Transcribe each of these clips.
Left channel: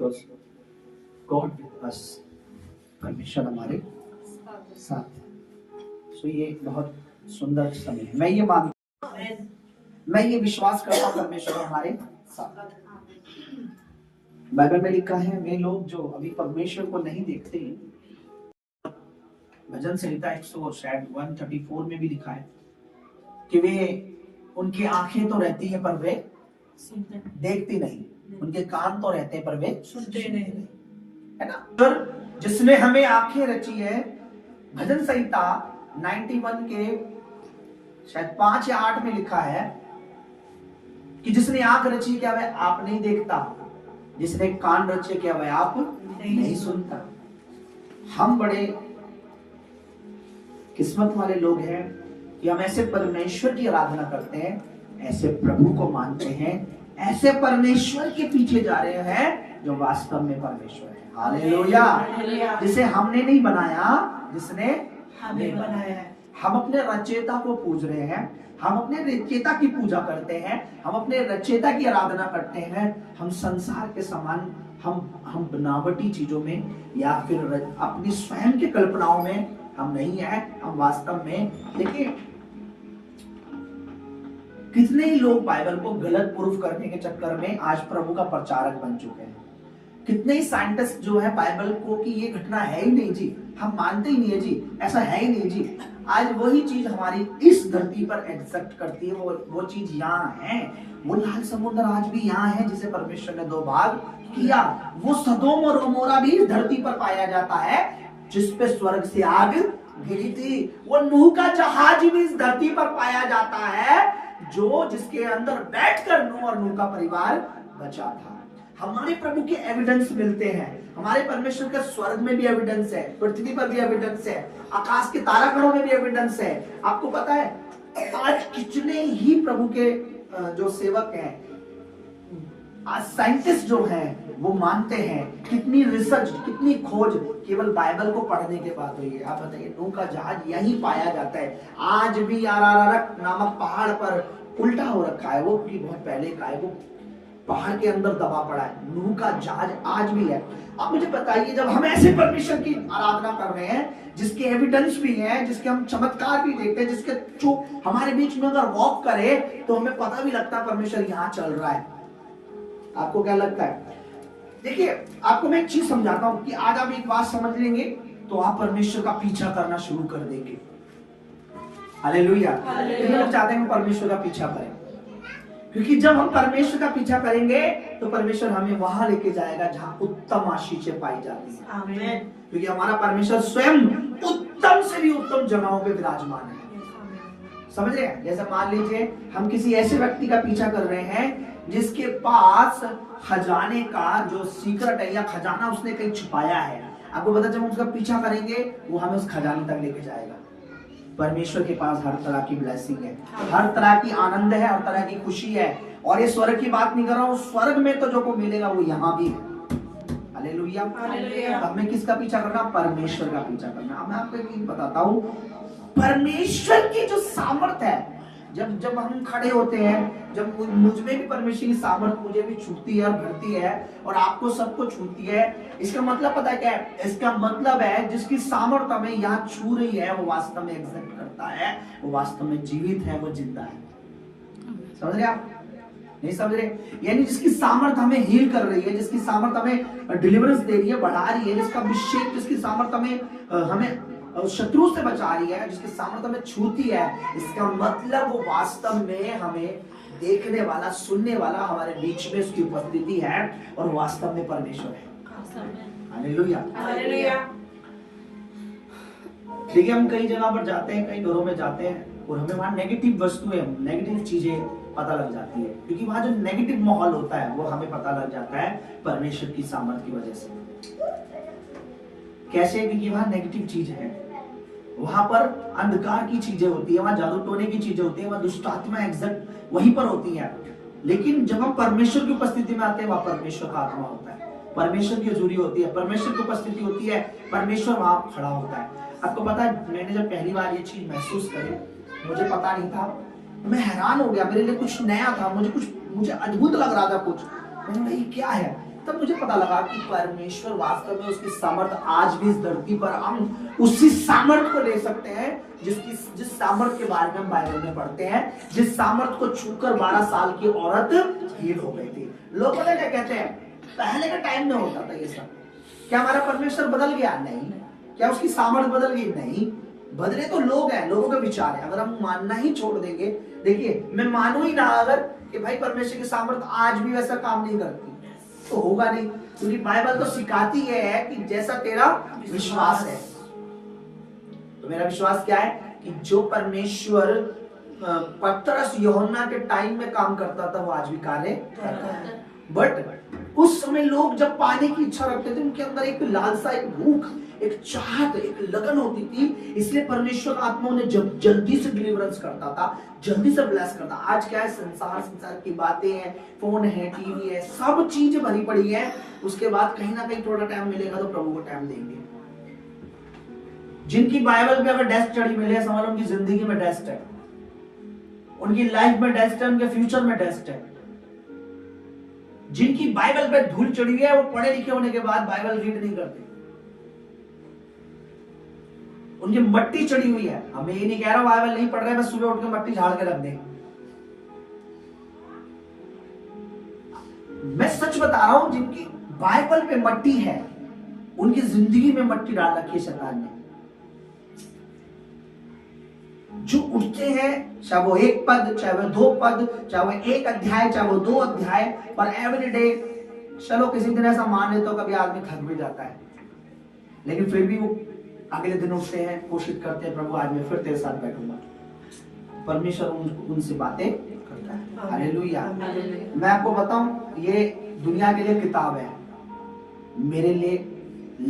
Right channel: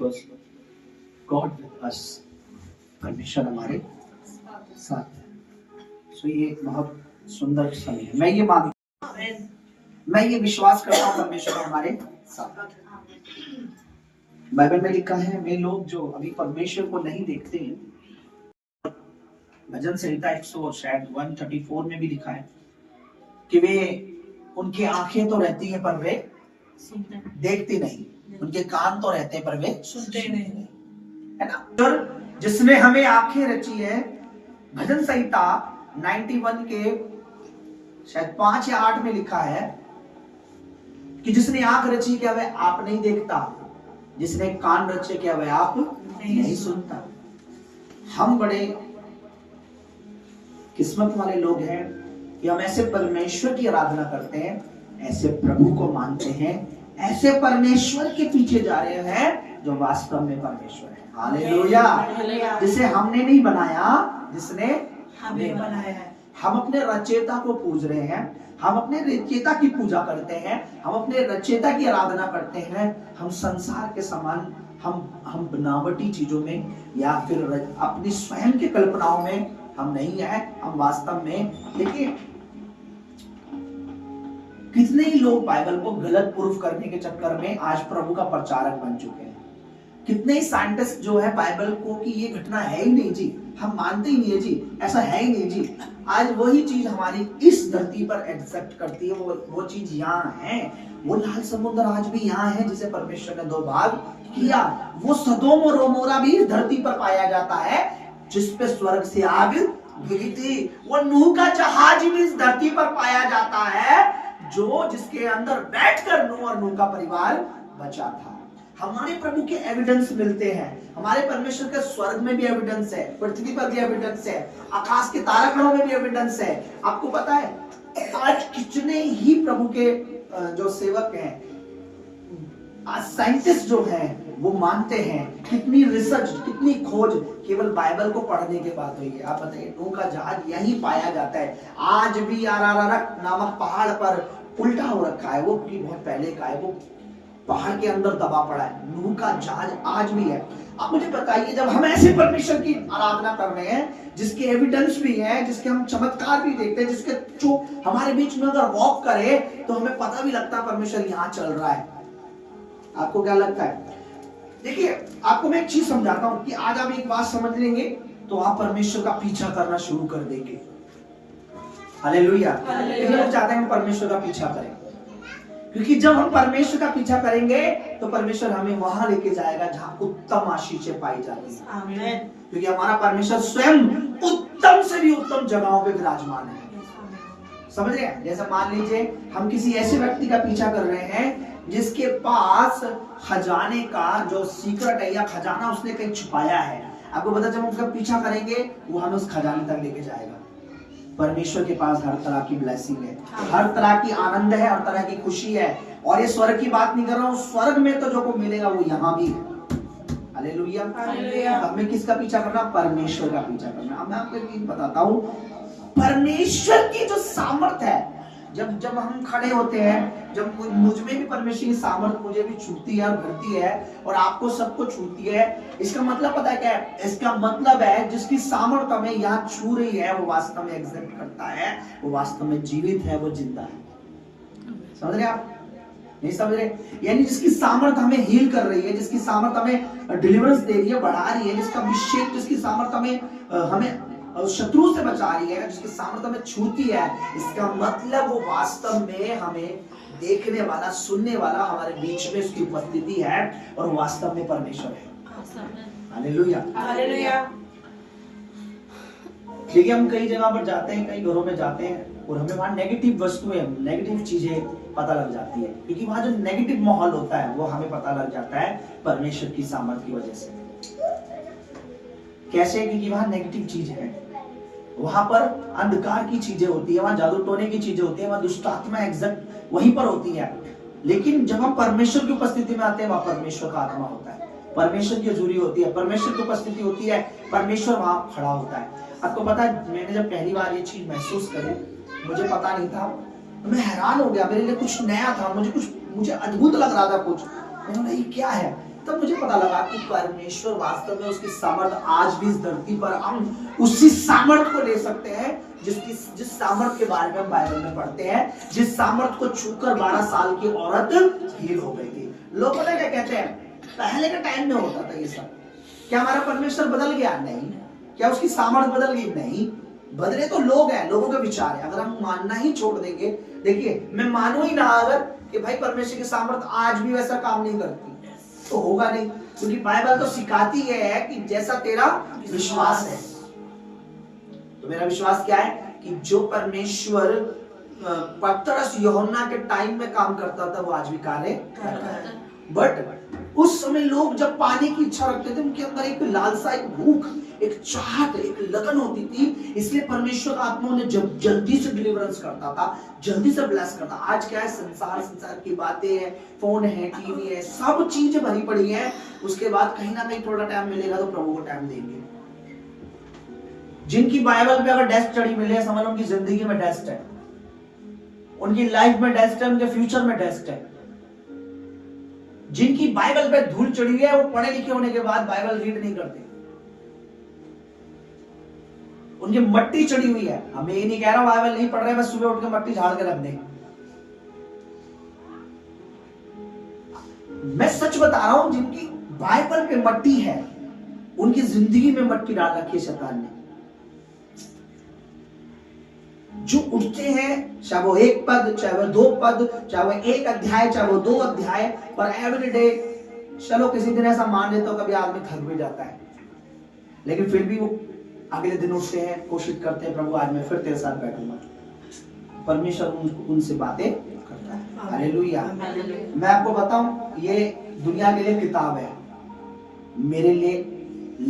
because God with us, परमेश्वर हमारे साथ है। सो ये बहुत सुंदर समय है। मैं ये विश्वास करता हूँ परमेश्वर हमारे साथ। बाइबल में लिखा है वे लोग जो अभी परमेश्वर को नहीं देखते हैं, भजन संहिता 134 में भी लिखा है कि वे उनकी आंखें तो रहती है पर वे देखती नहीं, उनके कान तो रहते हैं पर वे सुनते नहीं, है ना। और जिसने हमें आंखें रची है, भजन संहिता 91 के शायद 5 या 8 में लिखा है कि जिसने आंख रची क्या वह आप नहीं देखता, जिसने कान रचे क्या वह आप नहीं सुनता। हम बड़े किस्मत वाले लोग हैं कि हम ऐसे परमेश्वर की आराधना करते हैं, ऐसे प्रभु को मानते हैं, ऐसे परमेश्वर के पीछे जा रहे हैं जो वास्तव में परमेश्वर है। हालेलुया। जिसे हमने नहीं बनाया, जिसने हमें बनाया है। हम अपने रचयिता को पूज रहे हैं, हम अपने रचयिता की पूजा करते हैं, हम अपने रचयिता की आराधना करते हैं। हम संसार के समान हम बनावटी चीजों में या फिर अपनी स्वयं की कल्पनाओं में हम नहीं है। हम वास्तव में देखिए कितने ही लोग बाइबल को गलत प्रूफ करने के चक्कर में आज प्रभु का प्रचारक बन चुके हैं। कितने ही साइंटिस्ट जो है बाइबल को कि ये घटना है ही नहीं जी, हम मानते ही नहीं है जी, ऐसा है ही नहीं जी। आज वही चीज हमारी इस धरती पर एग्जिस्ट करती है, वो चीज यहाँ है। वो लाल समुद्र आज भी यहाँ है जिसे परमेश्वर ने 2 भाग किया। वो सदोम और गोमोरा भी इस धरती पर पाया जाता है जिसपे स्वर्ग से आग गिरी थी। वो नूह का जहाज भी इस धरती पर पाया जाता है जो जिसके अंदर बैठकर नूह और नूह का परिवार बचा था। हमारे प्रभु के एविडेंस मिलते हैं, हमारे परमेश्वर के स्वर्ग में भी एविडेंस है, पृथ्वी पर भी एविडेंस है, आकाश के तारागणों में भी एविडेंस है। आपको पता है आज कितने ही प्रभु के जो सेवक हैं, आज साइंटिस्ट जो हैं वो मानते हैं, कितनी रिसर्च कितनी खोज केवल बाइबल को पढ़ने के बाद हुई है। आप बताइए नूह का जहाज यही पाया जाता है। आज भी अरारत नामक पहाड़ पर उल्टा हो रखा है, वो बहुत पहले का है, वो पहाड़ के अंदर दबा पड़ा है। नूह का जहाज आज भी है। आप मुझे बताइए जब हम ऐसे परमेश्वर की आराधना कर रहे हैं जिसके एविडेंस भी है, जिसके हम चमत्कार भी देखते हैं, जिसके जो हमारे बीच में अगर वॉक करे तो हमें पता भी लगता है परमेश्वर यहाँ चल रहा है। आपको क्या लगता है? देखिए आपको मैं एक चीज समझाता हूं कि आज आप एक बात समझ लेंगे तो आप परमेश्वर का पीछा करना शुरू कर देंगे। हालेलुया। हम चाहते हैं हम परमेश्वर का पीछा करें, क्योंकि जब हम परमेश्वर का पीछा करेंगे तो परमेश्वर हमें वहां लेके जाएगा जहां उत्तम आशीषें पाई जाती है। आमीन। क्योंकि हमारा परमेश्वर स्वयं उत्तम से भी उत्तम जगहों पे विराजमान है। समझ रहे हैं? जैसे मान लीजिए हम किसी ऐसे व्यक्ति का पीछा कर रहे हैं जिसके पास खजाने का जो सीक्रेट है या खजाना उसने कहीं छुपाया है। आपको पता, जब हम उसका पीछा करेंगे वो हमें उस खजाने तक लेके जाएगा। परमेश्वर के पास हर तरह की ब्लेसिंग है, हर तरह की आनंद है, हर तरह की खुशी है। और ये स्वर्ग की बात नहीं कर रहा हूँ, स्वर्ग में तो जो को मिलेगा वो यहाँ भी है। हालेलुया। हमें किसका पीछा करना? परमेश्वर का पीछा करना। अब मैं आपको एक चीज बताता हूँ, परमेश्वर की जो सामर्थ है, जब हम खड़े होते हैं, जब मुझ में भी परमेश्वर की सामर्थ मुझे भी छूती है और भरती है और आपको सबको छूती है, इसका मतलब पता है क्या है? इसका मतलब है जिसकी सामर्थ हमें यहाँ छू रही है वो वास्तव में एग्जिस्ट करता है, वो वास्तव में जीवित है, वो जिंदा है। समझ रहे आप? नहीं समझ रहे? यानी जिसकी सामर्थ हमें हील कर रही है, जिसकी सामर्थ हमें डिलीवरेंस दे रही है, बढ़ा रही है, जिसका अभिषेक, जिसकी सामर्थ हमें शत्रु से बचा रही है, जिसकी सामर्थ्य में छूती है, इसका मतलब वो वास्तव में हमें देखने वाला, सुनने वाला, हमारे बीच में उसकी उपस्थिति है और वास्तव में परमेश्वर है। हालेलुया। हालेलुया। देखिए हम कई जगह पर जाते हैं, कई घरों में जाते हैं और हमें वहां नेगेटिव वस्तुएं, नेगेटिव चीजें पता लग जाती है, क्योंकि वहां जो नेगेटिव माहौल होता है वो हमें पता लग जाता है परमेश्वर की सामर्थ की वजह से। कैसे? क्योंकि वहां नेगेटिव चीज है, वहां पर अंधकार की चीजें होती है, वहां जादू टोने की चीजें होती है, वहां दुष्ट आत्मा एग्जैक्ट वहीं पर होती है। लेकिन जब हम परमेश्वर की उपस्थिति में आते हैं वहां परमेश्वर का आत्मा होता है, परमेश्वर की हजूरी होती है, परमेश्वर की उपस्थिति होती है, परमेश्वर वहां खड़ा होता है। आपको पता है मैंने जब पहली बार ये चीज महसूस करी, मुझे पता नहीं था, मैं हैरान हो गया, मेरे लिए कुछ नया था, मुझे अद्भुत लग रहा था कुछ। मैंने कहा ये क्या है? तब मुझे पता लगा कि परमेश्वर वास्तव में उसकी सामर्थ आज भी इस धरती पर हम उसी सामर्थ को ले सकते हैं जिस सामर्थ के बारे में हम बाइबल में पढ़ते हैं, जिस सामर्थ को छूकर 12 साल की औरत हील हो गई थी। लोग पता क्या कहते हैं, पहले के टाइम में होता था ये सब। क्या हमारा परमेश्वर बदल गया? नहीं। क्या उसकी सामर्थ बदल गई? नहीं। बदले तो लोग हैं, लोगों के विचार है। अगर हम मानना ही छोड़ देंगे, देखिए मैं मानू ही ना अगर कि भाई परमेश्वर की सामर्थ आज भी वैसा काम नहीं करती, तो होगा नहीं। क्योंकि बाइबल तो सिखाती है कि जैसा तेरा विश्वास है। तो मेरा विश्वास क्या है कि जो परमेश्वर पतरस यूहन्ना के टाइम में काम करता था वो आज भी कार्य करता है। बट उस समय लोग जब पाने की इच्छा रखते थे, उनके अंदर एक लालसा, एक भूख, एक चाहत, एक लगन होती थी। इसलिए परमेश्वर आत्मा उन्हें जब जल्दी से डिलीवरेंस करता था, जल्दी से ब्लेस करता। आज क्या है, संसार की बातें हैं, फोन है, टीवी है, सब चीजें भरी पड़ी है। उसके बाद कहीं ना कहीं थोड़ा टाइम मिलेगा तो प्रभु को टाइम देंगे। जिनकी बाइबल पे अगर डेस्ट चढ़ी मिले, समझ लो उनकी जिंदगी में डेस्ट है, उनकी लाइफ में डेस्ट है, उनके फ्यूचर में डेस्ट है। जिनकी बाइबल पे धूल चढ़ी है, वो पढ़े लिखे होने के बाद बाइबल रीड नहीं करते, उनकी मट्टी चढ़ी हुई है। हम ये नहीं कह रहा बाइबल नहीं पढ़ रहे, बस सुबह उठ के मट्टी झाड़ के रख देंगे। मैं सच बता रहा हूं, जिनकी बाइबल पे मट्टी है, उनकी जिंदगी में मट्टी डाल रखी है शैतान ने। जो उठते हैं, चाहे वो 1 पद, चाहे वो 2 पद, चाहे वो 1 अध्याय, चाहे वो 2 अध्याय, पर एवरी डे, चलो किसी दिन ऐसा मान लेता हूं कभी आदमी थक भी जाता है, लेकिन फिर भी वो अगले दिन उठते हैं, कोशिश करते हैं, प्रभु आज मैं फिर तेरे साथ बैठूंगा। परमेश्वर उनसे बातें करता है। हालेलुया। मैं आपको बताऊं, ये दुनिया के लिए किताब है, मेरे लिए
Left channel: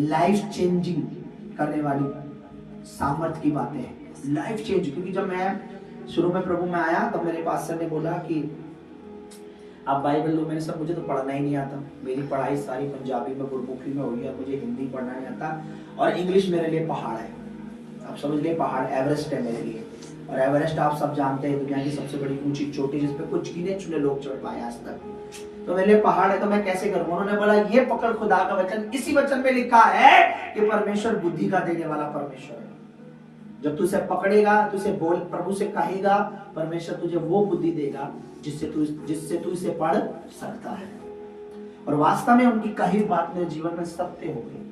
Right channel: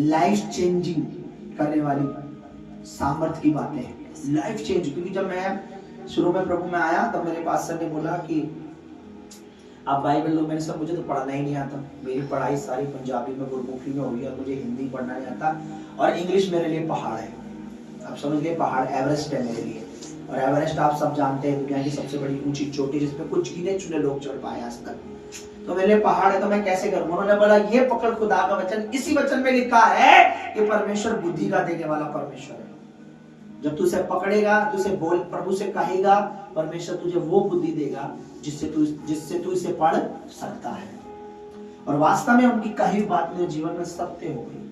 लाइफ चेंजिंग करने वाली सामर्थ की बातें हैं। लाइफ चेंज, क्योंकि जब मैं शुरू में प्रभु में आया तब मेरे पास्टर ने बोला कि आप बाइबल लो। मैंने सब, मुझे तो पढ़ना ही नहीं आता, मेरी पढ़ाई सारी पंजाबी में, गुरमुखी में हुई है, मुझे हिंदी पढ़ना नहीं आता, और इंग्लिश मेरे लिए पहाड़ है। आप समझ गए, पहाड़ एवरेस्ट है मेरे लिए। और एवरेस्ट आप सब जानते हैं, दुनिया की सबसे बड़ी ऊंची चोटी, जिसपे कुछ गिने चुने लोग चढ़ पाए आज तक। तो मेरे लिए पहाड़ है, तो मैं कैसे करूंगा? उन्होंने बोला ये पकड़ खुदा का वचन, इसी वचन में लिखा है कि परमेश्वर बुद्धि का देने वाला परमेश्वर है। जब तू इसे पकड़ेगा, तू इसे बोल, प्रभु से कहेगा, परमेश्वर तुझे वो बुद्धि देगा जिससे तू इसे पढ़ सकता है। और वास्तव में उनकी कही बात मेरे जीवन में सत्य हो गई।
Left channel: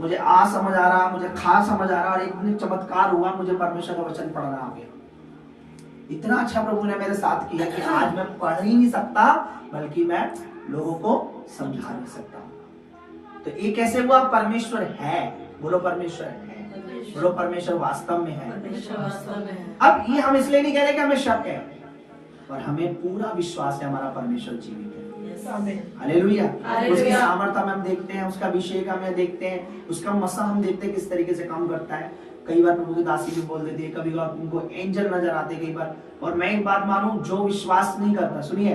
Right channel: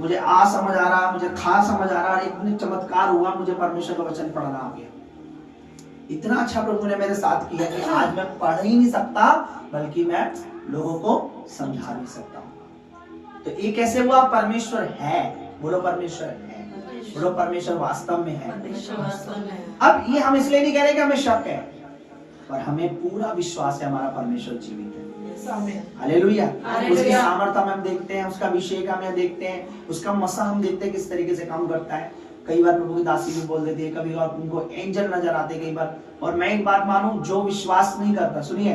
मुझे आ समझ आ रहा, मुझे खा समझ आ रहा, और एक दिन चमत्कार हुआ, मुझे परमेश्वर का वचन पढ़ना आ गया। इतना अच्छा प्रभु ने मेरे साथ किया कि आज मैं पढ़ ही नहीं सकता, बल्कि मैं लोगों को समझा नहीं सकता। तो ये कैसे हुआ? परमेश्वर है, बोलो परमेश्वर है, बोलो परमेश्वर वास्तव में है। अब ये हम इसलिए नहीं कह रहे कि हमें शक है, पर हमें पूरा विश्वास है हमारा परमेश्वर जीवित है। हालेलुया। उसकी सामर्थ्य हम देखते हैं, उसका अभिषेक हमें देखते हैं, उसका मसा हम देखते हैं किस तरीके से काम करता है। कई बार प्रभु की दासी भी बोल देती है, कभी बार उनको एंजल नजर आते कई बार। और मैं एक बात मानूं, जो विश्वास नहीं करता, सुनिए,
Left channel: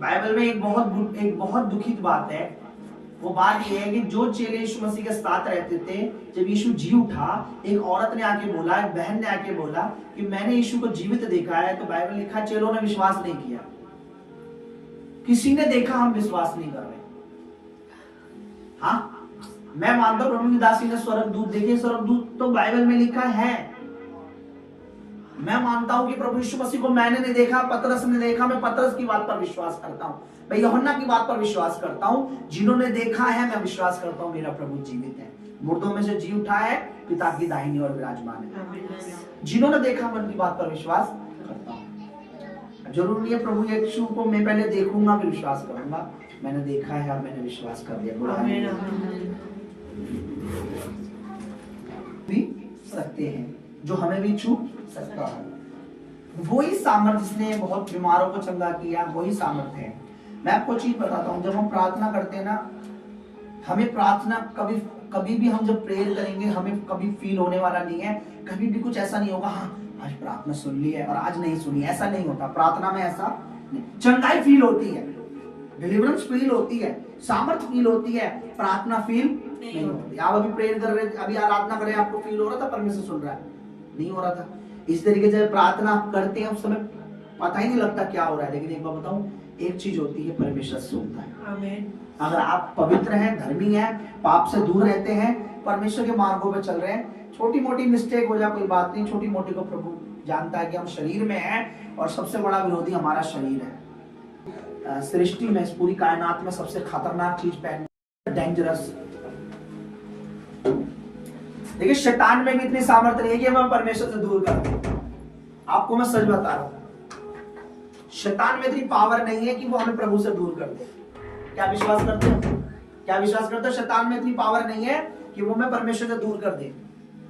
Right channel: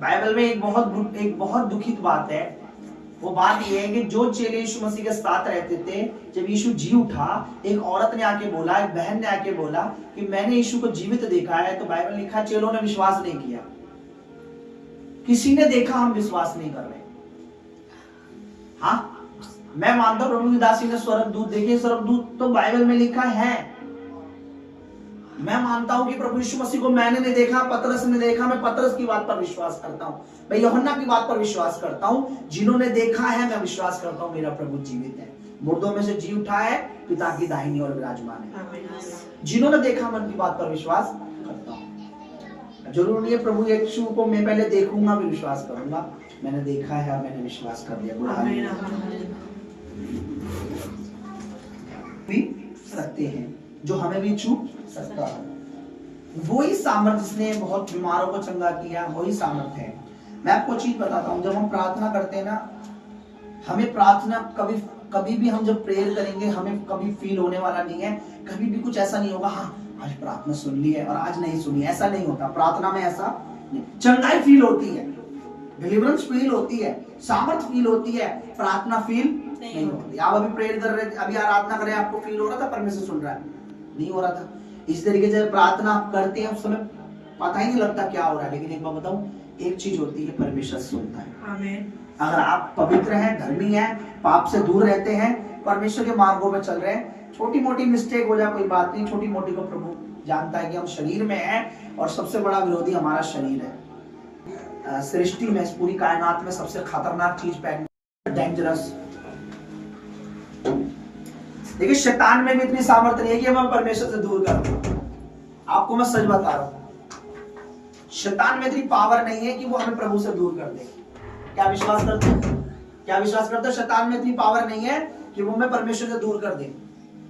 बाइबल में एक बहुत दुखित बात है। वो बात ये है कि जो चेले यीशु मसीह के साथ रहते थे, जब यीशु जी उठा, एक औरत ने आके बोला, एक बहन ने आके बोला कि मैंने यीशु को जीवित देखा है। तो बाइबल लिखा, चेलों ने विश्वास नहीं किया। किसी ने देखा, हम विश्वास नहीं कर रहे। हाँ, मैं मानता हूं प्रभु की दासी ने स्वर्गदूत देखे, स्वर्गदूत तो बाइबल में लिखा है। मैं मानता हूं कि प्रभु यीशु मसीह को मैंने नहीं देखा, पतरस ने देखा, मैं पतरस की बात पर विश्वास करता हूं, मैं यूहन्ना की बात पर विश्वास करता हूं। जिन्होंने देखा है, मैं विश्वास करता हूं मेरा प्रभु जीवित है, मुर्दों में से जी उठा है, पिता की दाहिनी ओर विराजमान है। जिन्होंने देखा, मैं उनकी बात पर विश्वास करता हूं। जरूर नहीं है प्रभु यीशु को मैं पहले देखूंगा फिर विश्वास करूंगा। मैंने देखा है और मैंने विश्वास कर लिया। भी सकते हैं, जो हमें भी छू सकता है। वही सामर्थ जिसने बहुत बीमारों को चंगा किया, वही सामर्थ है। मैं आपको चीज बताता हूँ, जब हम प्रार्थना करते हैं ना, हमें प्रार्थना कभी भी हम जब प्रेयर करेंगे, हमें कभी फील होने वाला नहीं है, कभी भी कुछ ऐसा नहीं होगा हाँ आज प्रार्थना सुन ली है और आज नहीं सुनी, ऐसा नहीं होता। प्रार्थना में ऐसा नहीं, चंगाई फील होती है, डिलीवरेंस फील होती है, सामर्थ फील होती है, प्रार्थना फील नहीं होती। आप अभी प्रेयर कर रहे, अभी आराधना कर रहे हैं, आपको फील हो रहा था परमेश्वर सुन रहा है? नहीं हो रहा था। इस तरीके से प्रार्थना आप करते हैं, उस समय पता ही नहीं लगता क्या हो रहा है। लेकिन एक बात बताऊं, एक चीज होती है, परमेश्वर सुनता है। आमीन। अगर आप पवित्र हैं, धर्मी हैं, पाप से दूर रहते हैं, परमेश्वर के मार्गों पे चल रहे हैं, छोटी मोटी मिस्टेक हो जाए कोई बात नहीं, छोटी मोटी को प्रभु जानता है कि हम शरीर में हैं और सबसे बड़ा विरोधी हमारा शरीर है। सृष्टि में, इस पूरी कायनात में सबसे खतरनाक चीज, डेंजरस, देखिए शैतान में भी इतनी सामर्थ्य नहीं है कि हमें परमेश्वर से दूर कर। आपको मैं सच बता रहा हूं, शैतान में इतनी पावर नहीं है कि वो हमें प्रभु से दूर कर दे। क्या विश्वास करते हो? क्या विश्वास करते हो? शैतान में इतनी पावर नहीं है कि वो हमें परमेश्वर से दूर कर दे।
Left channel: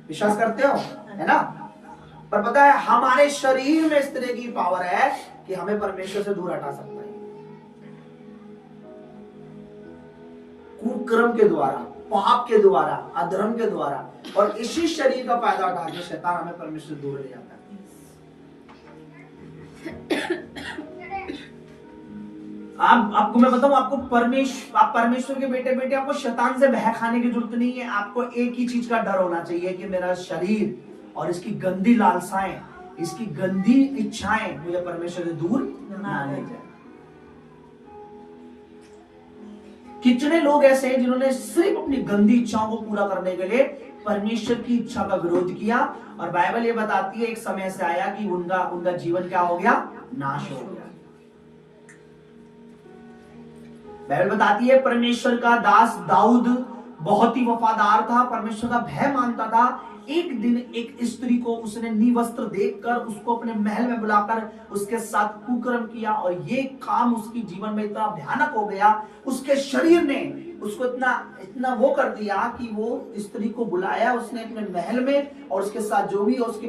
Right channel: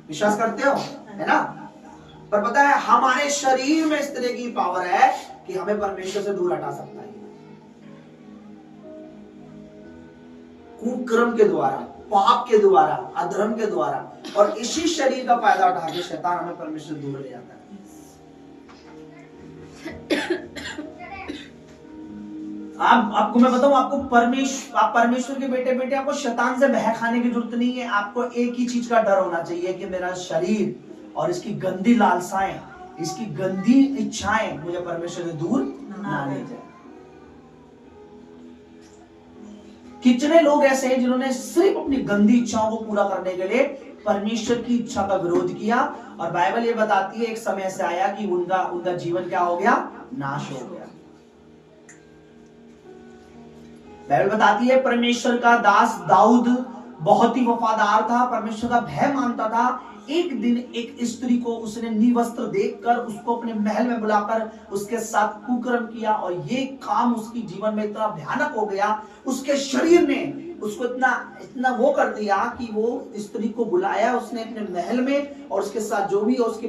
विश्वास करते हो? है ना? पर पता है हमारे शरीर में इस तरह की पावर है कि हमें परमेश्वर से दूर हटा सकता है, कुकर्म के द्वारा, पाप के द्वारा, अधर्म के द्वारा, और इसी शरीर का फायदा उठा के शैतान हमें परमेश्वर से दूर ले जाता है। आपको मैं बताऊं, आपको आप परमेश्वर के बेटे बेटे, आपको शैतान से बह खाने की जरूरत नहीं है। आपको एक ही चीज का डर होना चाहिए कि मेरा शरीर और इसकी गंदी लालसाएं, इसकी गंदी इच्छाएं मुझे परमेश्वर से दूर ना ले जाए। कितने लोग ऐसे हैं जिन्होंने सिर्फ अपनी गंदी इच्छाओं को पूरा करने के लिए परमेश्वर की इच्छा का विरोध किया, और बाइबल ये बताती है एक समय से आया कि उनका जीवन क्या हो गया? नाश हो गया। बाइबल बताती है परमेश्वर का दास दाऊद बहुत ही वफादार था, परमेश्वर का भय मानता था। एक दिन एक स्त्री को उसने निवस्त्र देखकर उसको अपने महल में बुलाकर उसके साथ कुकर्म किया, और ये काम उसकी जीवन में इतना भयानक हो गया, उसके शरीर ने उसको इतना वो कर दिया कि वो स्त्री को बुलाया उसने अपने महल में, और उसके साथ जो भी उसके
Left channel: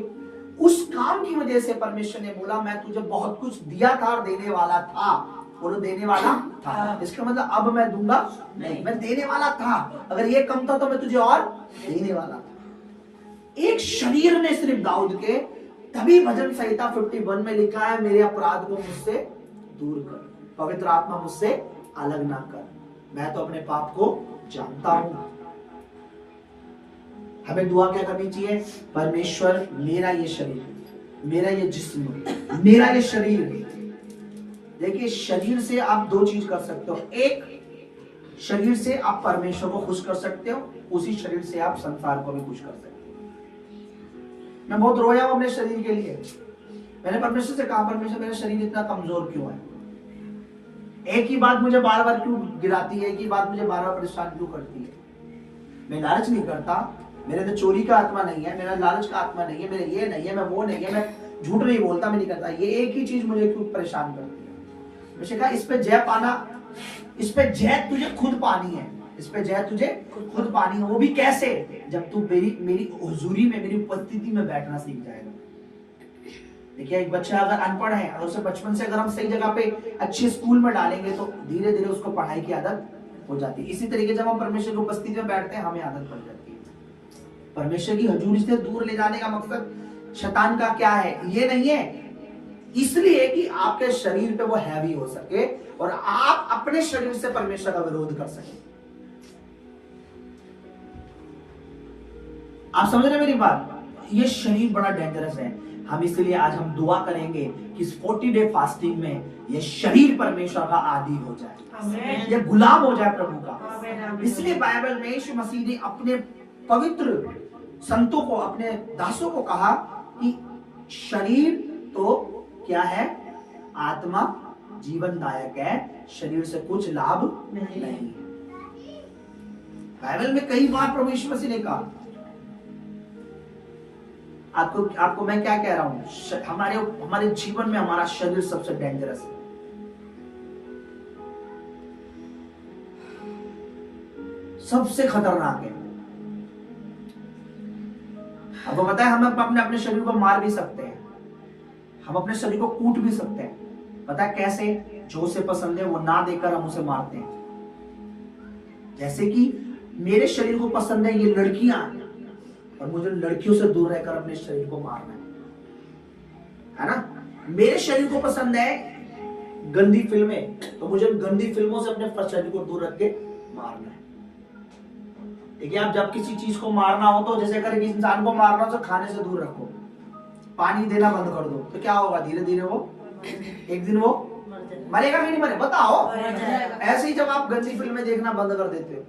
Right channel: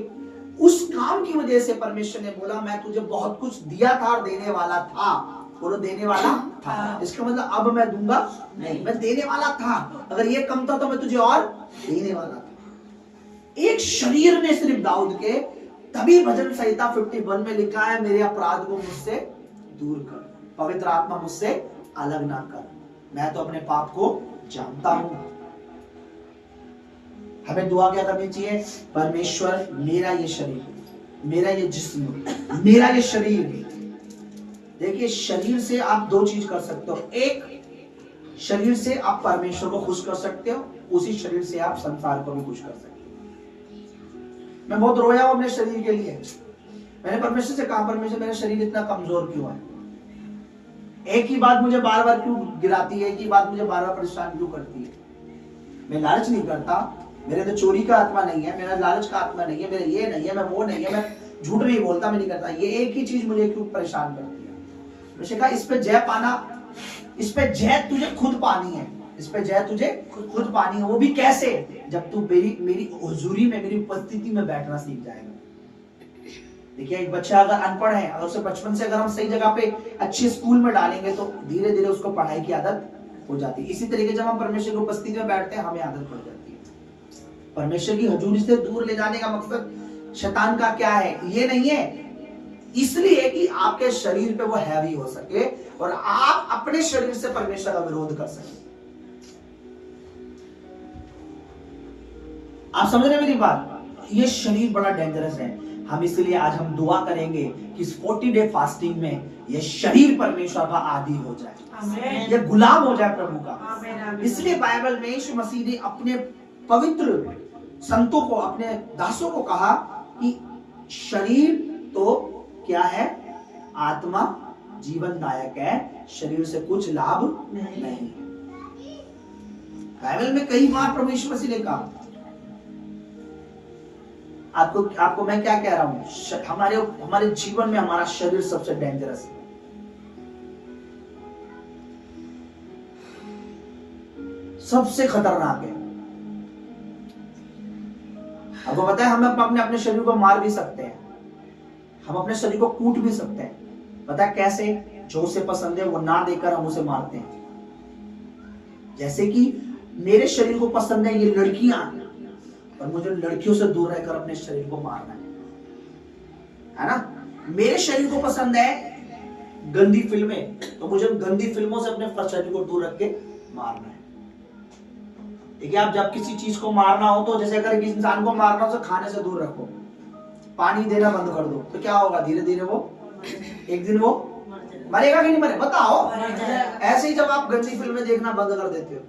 उस काम की वजह से परमेश्वर ने बोला मैं तुझे बहुत कुछ दिया था और देने वाला था। बोलो देने वाला था। इसका मतलब अब मैं दूंगा नहीं, मैं देने वाला था। अगर ये कम था तो मैं तुझे और देने वाला था। एक शरीर ने सिर्फ दाऊद के, तभी भजन संहिता 51 में लिखा है मेरे अपराध को मुझसे दूर कर, पवित्र आत्मा मुझसे अलग ना कर, मैं तो अपने पाप को जानता हूं। हमें दुआ क्या करनी चाहिए? परमेश्वर मेरा ये शरीर, मेरा ये जिस्म, मेरा ये शरीर। देखिए शरीर से आप दो चीज कर सकते हो। एक, शरीर से आप परमेश्वर को खुश कर सकते हो, उसी शरीर से आप संसार को भी खुश कर सकते हो। मैं बहुत रोया हूं अपने शरीर के लिए। मैंने परमेश्वर से कहा परमेश्वर मेरा शरीर इतना कमजोर क्यों है? एक ही बात मुझे बार बार क्यों गिराती है? एक ही बात मुझे बार बार परेशान क्यों करती है? मैं लालच नहीं करता, मेरे अंदर चोरी का आत्मा नहीं है, मेरा लालच का आत्मा नहीं है, मेरा ये नहीं है, मैं वो नहीं है, मैं झूठ नहीं बोलता, मैं नहीं करता। ये एक ही चीज मुझे क्यों परेशान करती है? मैंने कहा इस पे जय पाना, इस पे जय तुझे खुद पानी है, इस पे जय तुझे खुद पानी है। वो भी कैसे? जब तू मेरी हुजूरी में, मेरी उपस्थिति में बैठना सीख जाएगा। देखिए एक बच्चा अगर अनपढ़ है, अगर उसे बचपन से अगर हम सही जगह पे अच्छे स्कूल में डालेंगे तो धीरे धीरे उसको पढ़ाई की आदत हो जाती है। इसी तरीके जब हम परमेश्वर की उपस्थिति में बैठते हैं हमें आदत पड़ जाती है। परमेश्वर की हुजूरी से दूर ले जाने का मकसद शैतान का क्या है? ये नहीं है, इसलिए कि आपके शरीर पे वो हैवी हो सके और आप अपने शरीर से परमेश्वर का विरोध कर सके। आप समझ रहे हैं मेरी बात? ये शरीर बड़ा डेंजरस है। हम इसलिए आज हम दुआ करेंगे कि इस 40 डे फास्टिंग में ये शरीर परमेश्वर का आदी हो जाए, ये गुलाम हो जाए प्रभु का। इसलिए बाइबल में यीशु मसीह ने अपने पवित्र संतों को, अपने दासों को कहा कि शरीर तो क्या है? आत्मा जीवनदायक है, शरीर से कुछ लाभ नहीं। बाइबल में कई बार प्रभु यीशु मसीह ने कहा। आपको मैं क्या कह रहा हूं? हमारे जीवन में हमारा शरीर सबसे डेंजरस है। सबसे खतरनाक है। आपको पता है हम अपने शरीर को मार भी सकते हैं, हम अपने शरीर को कूट भी सकते हैं। पता है कैसे? जो उसे पसंद है वो ना देकर हम उसे मारते हैं। जैसे कि मेरे शरीर को पसंद है ये लड़कियां, और मुझे लड़कियों से दूर रहकर अपने शरीर को मारना है ना? मेरे शरीर को पसंद है गंदी फिल्में, तो मुझे गंदी फिल्मों से अपने शरीर को दूर रख के मारना है। देखिए आप जब किसी चीज को मारना हो तो जैसे अगर किसी इंसान को मारना हो तो खाने से दूर रखो, पानी देना बंद कर दो, तो क्या होगा? धीरे धीरे वो एक दिन वो मरेगा कि नहीं मरेगा बताओ। ऐसे ही जब आप गंदी फिल्में देखना बंद कर देते हो,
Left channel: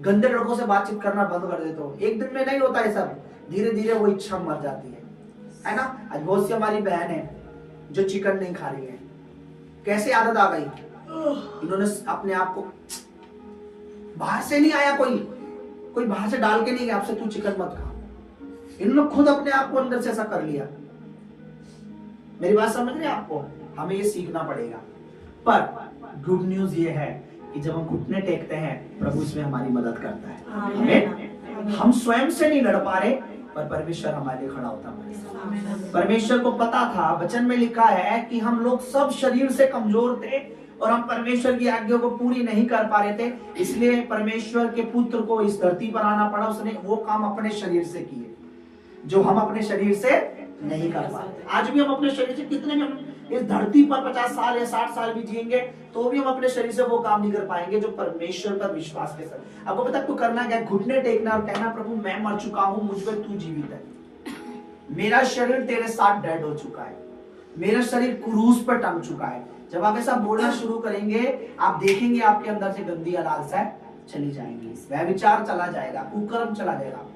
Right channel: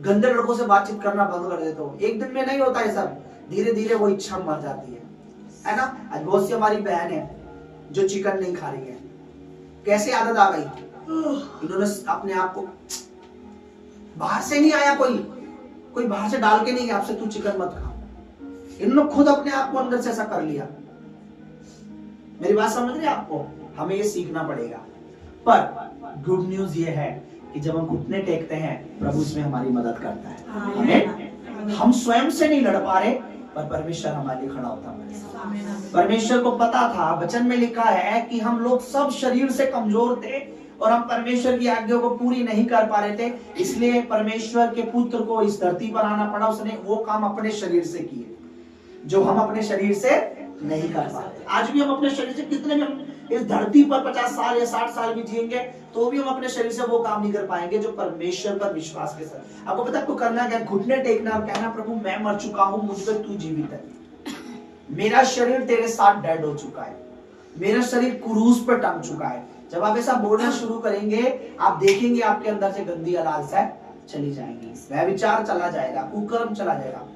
गंदे लड़कों से बातचीत करना बंद कर देते हो, एक दिन में नहीं होता है सब, धीरे धीरे वो इच्छा मर जाती है ना। आज बहुत सी हमारी बहन है जो चिकन नहीं खा रही है, कैसे आदत आ गई, इन्होंने अपने आप को, बाहर से नहीं आया, कोई बाहर से डाल के नहीं गया आपसे तू चिकन मत खा, इन्होंने खुद अपने आप को अंदर से ऐसा कर लिया। मेरी बात समझ रहे आपको, हमें ये सीखना पड़ेगा। पर गुड न्यूज ये है कि जब हम घुटने टेकते हैं प्रभु इसमें हमारी मदद करता है। हमें हम स्वयं से नहीं लड़ पा रहे, पर परमेश्वर हमारे लिए खड़ा होता है। परमेश्वर को पता था, वचन में लिखा है कि हम लोग सब शरीर से कमजोर थे और हम परमेश्वर की आज्ञा को पूरी नहीं कर पा रहे थे, इसलिए परमेश्वर के पुत्र को इस धरती पर आना पड़ा। उसने वो काम अपने शरीर से किए जो हम अपने शरीर से नहीं कर पाते। आज भी हम अपने शरीर से कितने भी इस धरती पर 50 साल या 60 साल भी जिएंगे तो भी हम अपने शरीर से वो काम नहीं कर पाएंगे जो परमेश्वर पर विश्वास के साथ। आपको पता है आपको करना क्या, घुटने टेकना और कहना प्रभु मैं मर चुका हूं, मुझ पर तू जीवित है, मेरा शरीर तेरे साथ डेड हो चुका है, मेरा शरीर क्रूस पर टंग चुका है। जब आप ऐसा बोलना शुरू करेंगे आप देखेंगे आपके अंदर से गंदी लालसा चली जाएंगी, वह विचार चला जाएगा, कुकर्म चला जाएगा।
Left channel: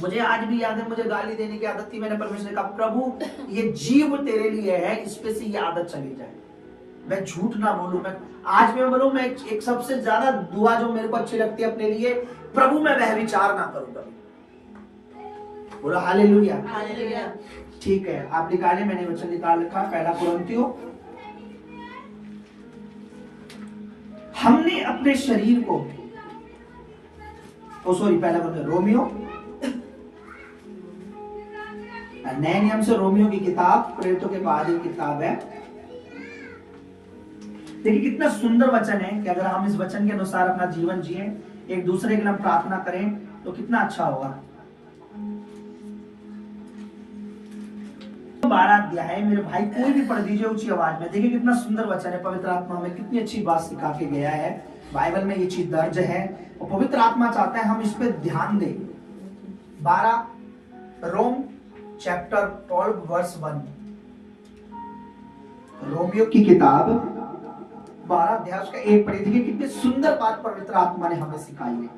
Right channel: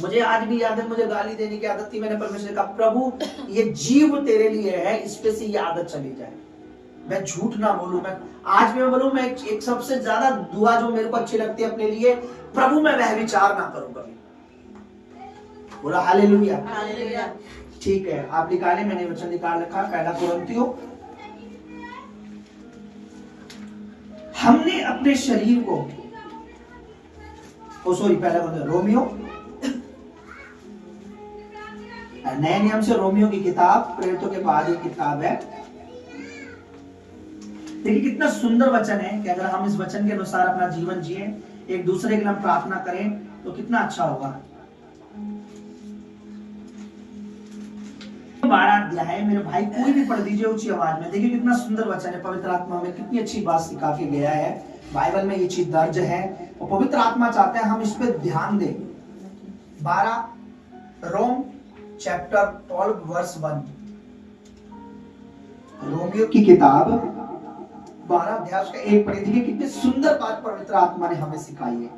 मुझे आज भी याद है, मुझे गाली देने की आदत थी, मैंने परमेश्वर का प्रभु ये जीव तेरे लिए है, इस पे से ये आदत चली जाए, मैं झूठ ना बोलूं। मैं आज मैं बोलूं, मैं एक सबसे ज्यादा दुआ जो मेरे को अच्छी लगती है अपने लिए, प्रभु मैं वह विचार ना करूं कभी। बोला हालेलुया। ठीक है, आप निकाले, मैंने वचन निकाल रखा, पहला कुरिन्थियों। हमने अपने शरीर को, पहला कुरिन्थियों, रोमियो, नए नियम से रोमियो की किताब, प्रेरितों के बाद एक किताब है। देखिए कितना सुंदर वचन है कि अगर हम इस वचन के अनुसार अपना जीवन जिए, एक दूसरे के लिए हम प्रार्थना करें तो कितना अच्छा होगा। 12 अध्याय, मेरे भाई कोई भी पढ़ दीजिए ऊंची आवाज में। देखिए कितना सुंदर वचन है, पवित्र आत्मा में कितनी अच्छी बात सिखा के गया है, बाइबल में ये चीज दर्ज है और पवित्र आत्मा चाहता है हम इस पे ध्यान दें। 12 रोम चैप्टर 12 वर्स 1, रोमियो की किताब 12 अध्याय का 1 पढ़ी। देखिए कितनी सुंदर बात पवित्र आत्मा ने हमें सिखाई है।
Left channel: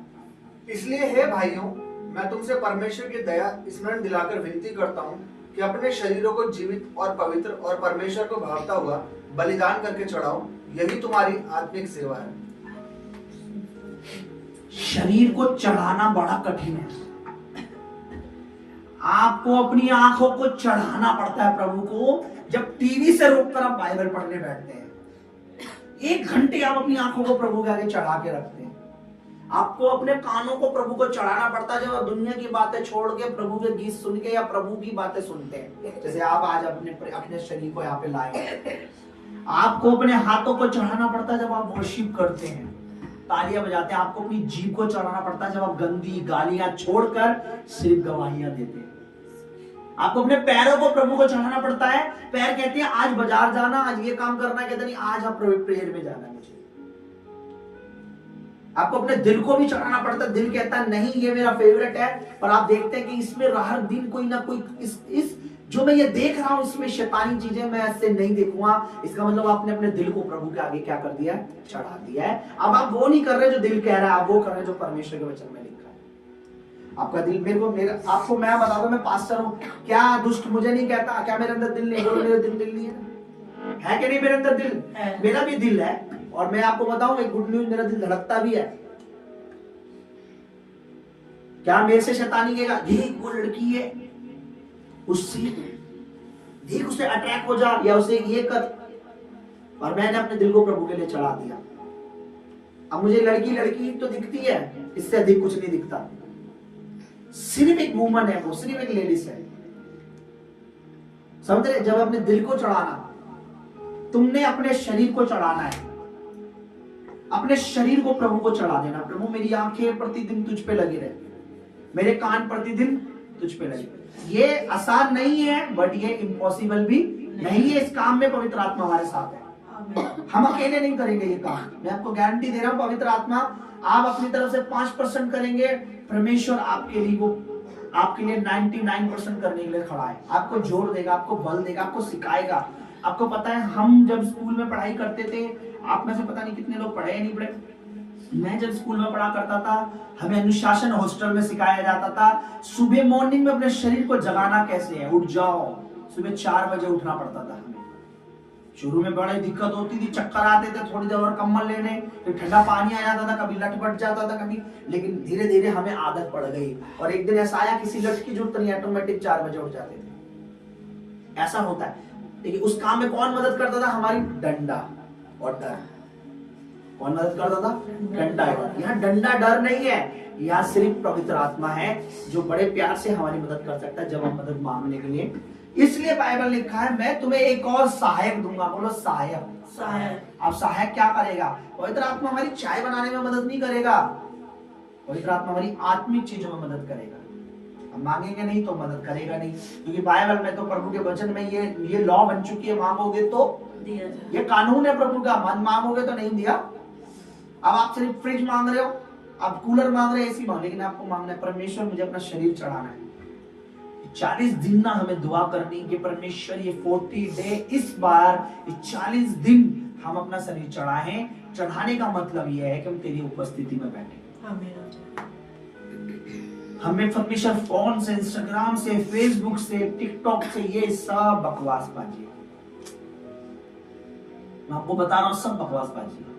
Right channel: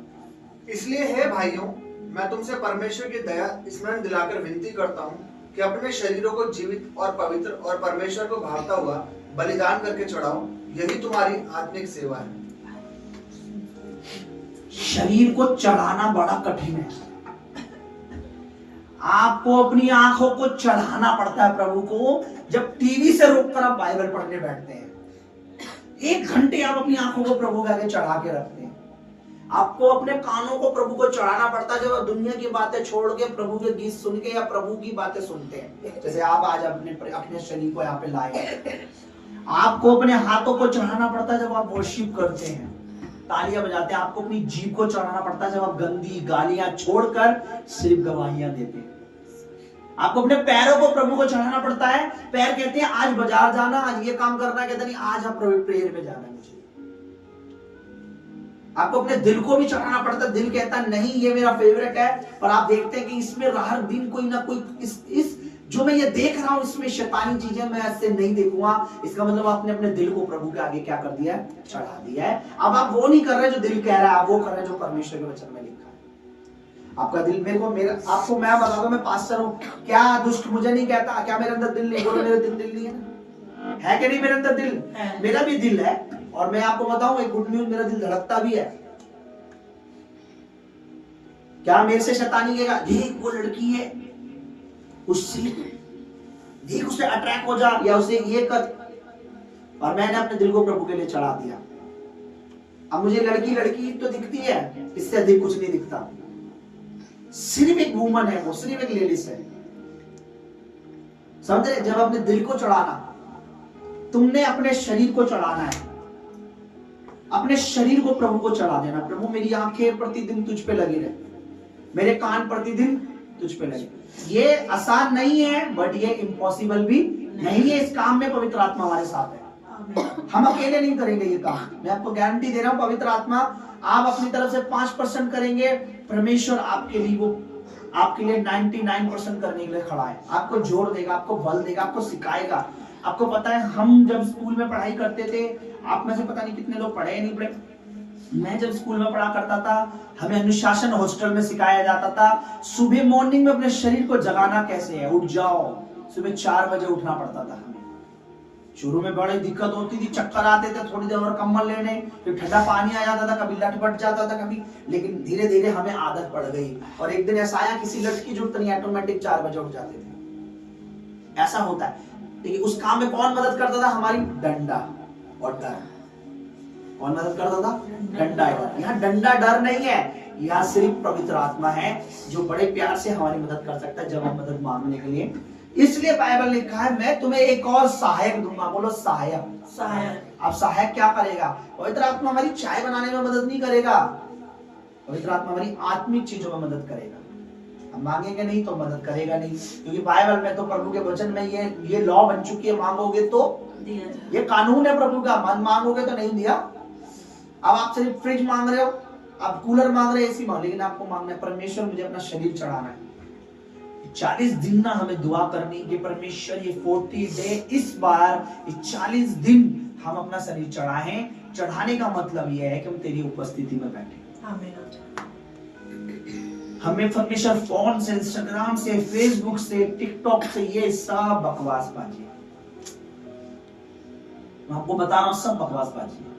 इसलिए हे भाइयों, मैं तुमसे परमेश्वर की दया स्मरण दिलाकर विनती करता हूँ कि अपने शरीरों को जीवित और पवित्र और परमेश्वर को भावता हुआ बलिदान करके चढ़ाओ, यही तुम्हारी आत्मिक सेवा है। शरीर को चढ़ाना बड़ा कठिन है, आपको अपनी आंखों को चढ़ाना पड़ता है प्रभु को। जब टीवी से रोककर आप बाइबल पढ़ने बैठते हैं, 1 घंटे आप अपनी आंखों को प्रभु के आगे चढ़ा के रखते हैं। आपको अपने कानों को प्रभु को चढ़ाना पड़ता है जब आप दुनिया की बातें छोड़ के प्रभु के गीत सुन के या प्रभु की बातें सुनते हैं। जैसे आप आज अपने शरीर को यहाँ पे लाए, आपको अपने हाथों को चढ़ाना पड़ता है जब आप वर्शिप करते हैं, तालियां बजाते हैं। आपको अपनी जीभ को चढ़ाना पड़ता है जब आप गंदी गालियां छोड़कर सिर्फ गवाहियां देते हैं। आपको अपने पैरों को प्रभु को चढ़ाना पड़ता है। पैर कहते हैं आज बाजार जाना, आज ये काम करना, कहते नहीं आज आप प्रेयर में जाना है मुझे। आपको अपने दिल को भी चढ़ाना पड़ता है। दिल कहता है नहीं ये मेरा फेवरेट है, पर आप देखते हैं कि इसमें हर दिन कोई ना कोई इस जो मैं ये देख रहा हूं इसमें शैतानी चीजें मैं ऐसे नहीं देखूंगा। इसका मतलब आपने अपने दिल को प्रभु के आगे क्या कर दिया है, चढ़ा दिया है। अब आप वो नहीं कर रहे जो दिल कह रहा है, आप वो कर रहे हैं जो परमेश्वर के वचन में लिखा है। आपका दिल आपको मैं बताऊंगा, मैं पास्टर हूं, क्या दुष्ट मुझे नहीं कहता, क्या मेरे अंदर दिल नहीं? बोलो मेरे दिल नहीं है ना, है कि नहीं? मेरे अंदर दिल, मेरा भी दिल है। और मैं आपको बताऊं एक गुड न्यूज, मेरा दिल धड़कता भी है। क्या मेरे से शैतानी कहेगा देख वो लड़की है, उससे देख उसे अट्रैक्ट हो जा, या उसे ये कर। और मैंने अपने दिल को प्रभु के लिए चढ़ा दिया। अब मुझे लड़की तो दिखती है, इससे अधिक कुछ नहीं दिखता। सिर्फ एक वुमन है, वो सिर्फ एक लेडीज है। समझ रहे? जब अपने दिल को चढ़ाना, तुमने अपने शरीर को चढ़ाना है, अपने शरीर को प्रभु को चढ़ा देना। प्रभु मेरी आंखें प्रतिदिन तुझ पे लगी रहे, मेरे कान प्रतिदिन तुझ पे लगे। ये आसान नहीं है, बट ये इम्पॉसिबल भी नहीं है। इस काम में पवित्र आत्मा हमारे साथ है, हम अकेले नहीं करेंगे ये काम। मैं आपको गारंटी दे रहा हूं, पवित्र आत्मा आप अपनी तरफ से 5% करेंगे, परमेश्वर आपके लिए 99% करने के लिए खड़ा है। आपको जोर देगा, आपको बल देगा, आपको सिखाएगा। आपको पता है हम जब स्कूल में पढ़ाई करते थे, आप में से पता नहीं कितने लोग पढ़े या नहीं पढ़े, मैं जब स्कूल में पढ़ा करता था, हमें अनुशासन हॉस्टल में सिखाया जाता था सुबह मॉर्निंग में अपने शरीर को जगाना कैसे है। उठ जाओ, सुबह 4 बजे उठना पड़ता था हमें। शुरू में बड़ी दिक्कत होती थी, चक्कर आते थे, थोड़ी देर और कंबल लेने, फिर ठंडा पानी आ जाता था, कभी लटपट जाता था कभी, लेकिन धीरे धीरे हमें आदत पड़ गई। और एक दिन ऐसा आया, किसी लट की जरूरत नहीं, ऑटोमेटिक 4 बजे उठ जाते थे। ऐसा होता है। लेकिन उस काम में कौन मदद करता था? हमारी डंडा और डर। कौन मदद करता था? डंडा। यहाँ डंडा डर नहीं है, यहाँ सिर्फ पवित्र आत्मा है जो बड़े प्यार से हमारी मदद कर सकता है जब हम मदद मांगने के लिए। इसलिए बाइबल ने लिखा है, मैं तुम्हें एक और सहायक दूंगा। बोलो सहायक। सहायक। अब सहायक क्या करेगा? पवित्र आत्मा हमारी चाय बनाने में मदद नहीं करेगा, पवित्र आत्मा हमारी आत्मिक चीजों में मदद करेगा। हम मांगेंगे नहीं तो मदद करेगा नहीं, क्योंकि बाइबल में तो प्रभु के वचन में ये लॉ बन चुकी है, मांगोगे तो दिया जाए। ये कानून है प्रभु का, मन मांगोगे तो नहीं दिया। अब आप सिर्फ फ्रिज मांग रहे हो, आप कूलर मांग रहे हो, ऐसी मांग, लेकिन आपको मांगना है परमेश्वर मुझे अपना शरीर चढ़ाना है। 40 दिन ना हमें दुआ करनी कि परमेश्वर ये 40 डे, इस बार 40 दिन हम अपना शरीर चढ़ाएं। चढ़ाने का मतलब यह है कि हम तेरी उपस्थिति में बैठे। आमीन। हमें परमेश्वर फोन से, इंस्टाग्राम से, फेसबुक से, टिकटॉक से ये सब बकवास बाजी है। मैं आपको बता रहा हूं, सब बकवास बाजी है।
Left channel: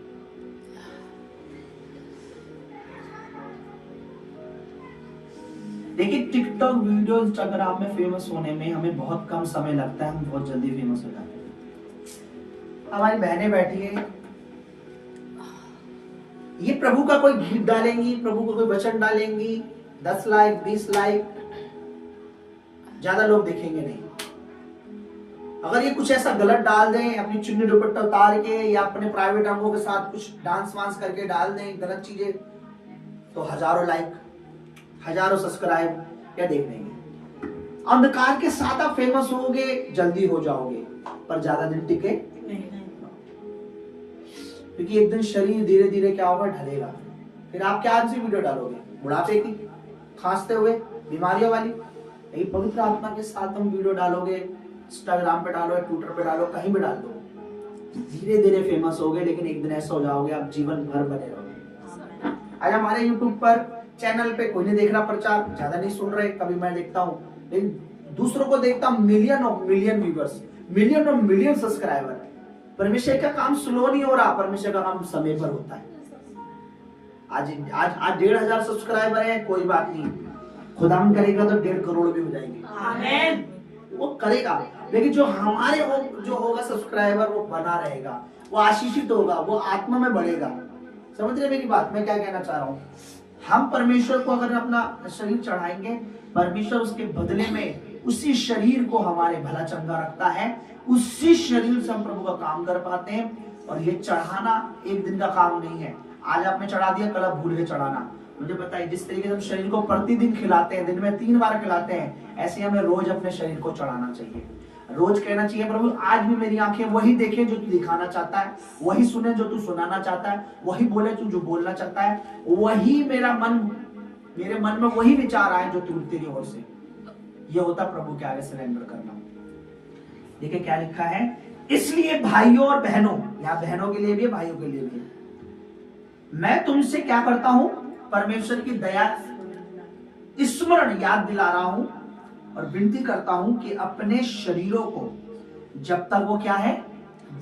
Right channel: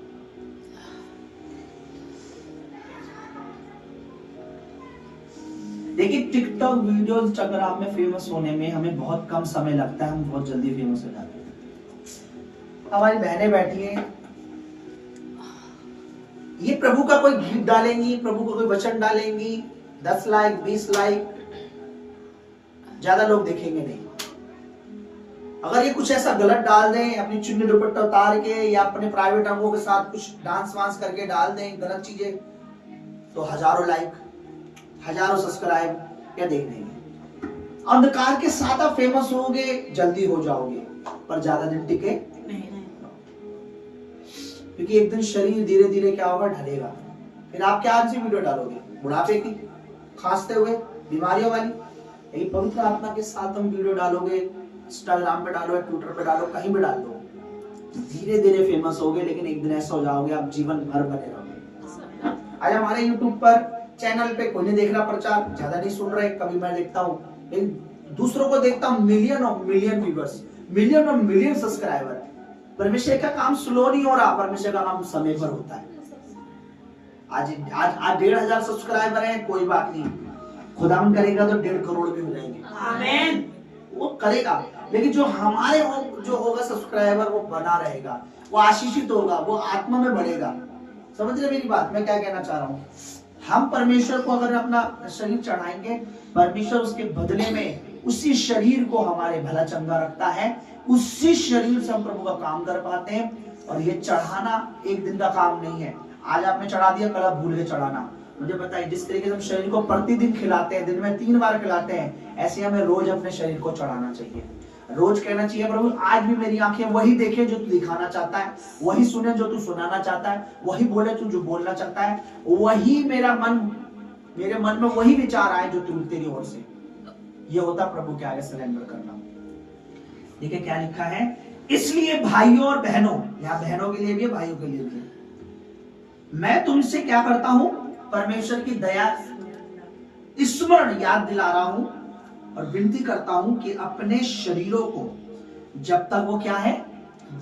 देखिए टिकटॉक वीडियो, इंस्टाग्राम में फेमस होने में हमें बहुत कम समय लगता है, हम बहुत जल्दी फेमस हो जाते हैं। हमारी बहनें बैठी हैं, ये प्रभु का कोई गीत डालेंगी, प्रभु का कोई वचन डालेंगी, 10 लाइक 20 लाइक, ज्यादा लोग देखेंगे नहीं। अगर ये कुछ ऐसा गलत डाल दें, अपनी चुन्नी दुपट्टा उतार के या अपने प्राइवेट अंगों के साथ कुछ डांस वांस करके डाल दें गलत चीजें, तो हजारों लाइक, हजारों सब्सक्राइब, क्या देख लेंगे। अंधकार के साथ आप फेमस होगे, जल्दी हो जाओगे, पर ज्यादा दिन टिके नहीं। क्योंकि एक दिन शरीर धीरे धीरे क्या होगा, ढलेगा। फिर आप क्या सी वीडियो डालोगे? बुढ़ापे की, खांसते हुए, बीमारियों वाली। लेकिन पवित्र आत्मा के साथ हम वीडियो डालोगे, इंस्टाग्राम पे डालो, ट्विटर पे डालो, कहीं भी डाल दो, धीरे धीरे फेमस होगे, लेकिन एक दिन ऐसा हो जाओगे आप जीवन भर बने रहोगे। आज हमारे यूट्यूब पर चैनल पे कोई नहीं देख रहा, प्रचार ज्यादा नहीं सुन रहे, कभी मैं देखता हूँ, लेकिन दूसरों को देखता हूँ, million of million viewers, million of million subscriber. परमेश्वर का काम स्लो नहीं हो रहा, परमेश्वर का काम समय पर होता है। आज 1,500 सब्सक्राइबर है, कोई बात नहीं, खुदावन करेगा तो 1.5 करोड़ भी हो जाएंगे। आमीन। वो करेगा, लेकिन जो हमारे जो होगा सब्सक्राइबर, वो बना रहेगा, वो आशीषित होगा, वो आत्मा में बढ़ेगा। समझ रहे मेरी बात? मैं क्या कहना चाह रहा हूँ? हम परमेश्वर को अगर अपना शरीर चढ़ाएंगे, परमेश्वर उसके बदले में उसी शरीर को हमारे भला चंगा रखता है, उसी शरीर से हम प्रभु का काम कर पाते हैं। और ये चढ़ाना एक दिन का काम नहीं है। आज आपने चढ़ा दिया, कल आप भूल गए चढ़ाना। मुझे पता है जिस तरीके से हम शरीर को प्रतिदिन खिलाते हैं, दिन में 3 बार खिलाते हैं, ऐसे हमें रोज अपने शरीर को चढ़ाना चाहिए। रोज कहना चाहिए, प्रभु आज भी मेरी आंखें वही देखे जो तू दिखाना चाहता है, वही सुने जो तू सुनाना चाहता है, वही बोले तू जो बोलना चाहता है, वही मेरे मन में वही विचार आए जो तू तेरी ओर से। ये होता प्रभु के आगे सरेंडर करना। देखिए क्या लिखा है, इसलिए भाइयों और बहनों, यहाँ बहनों के लिए भी, भाइयों के लिए भी, मैं तुमसे क्या करता हूं, परमेश्वर की दया स्मरण याद दिला रहा हूं और विनती करता हूं कि अपने शरीरों को, जब तक वो क्या है,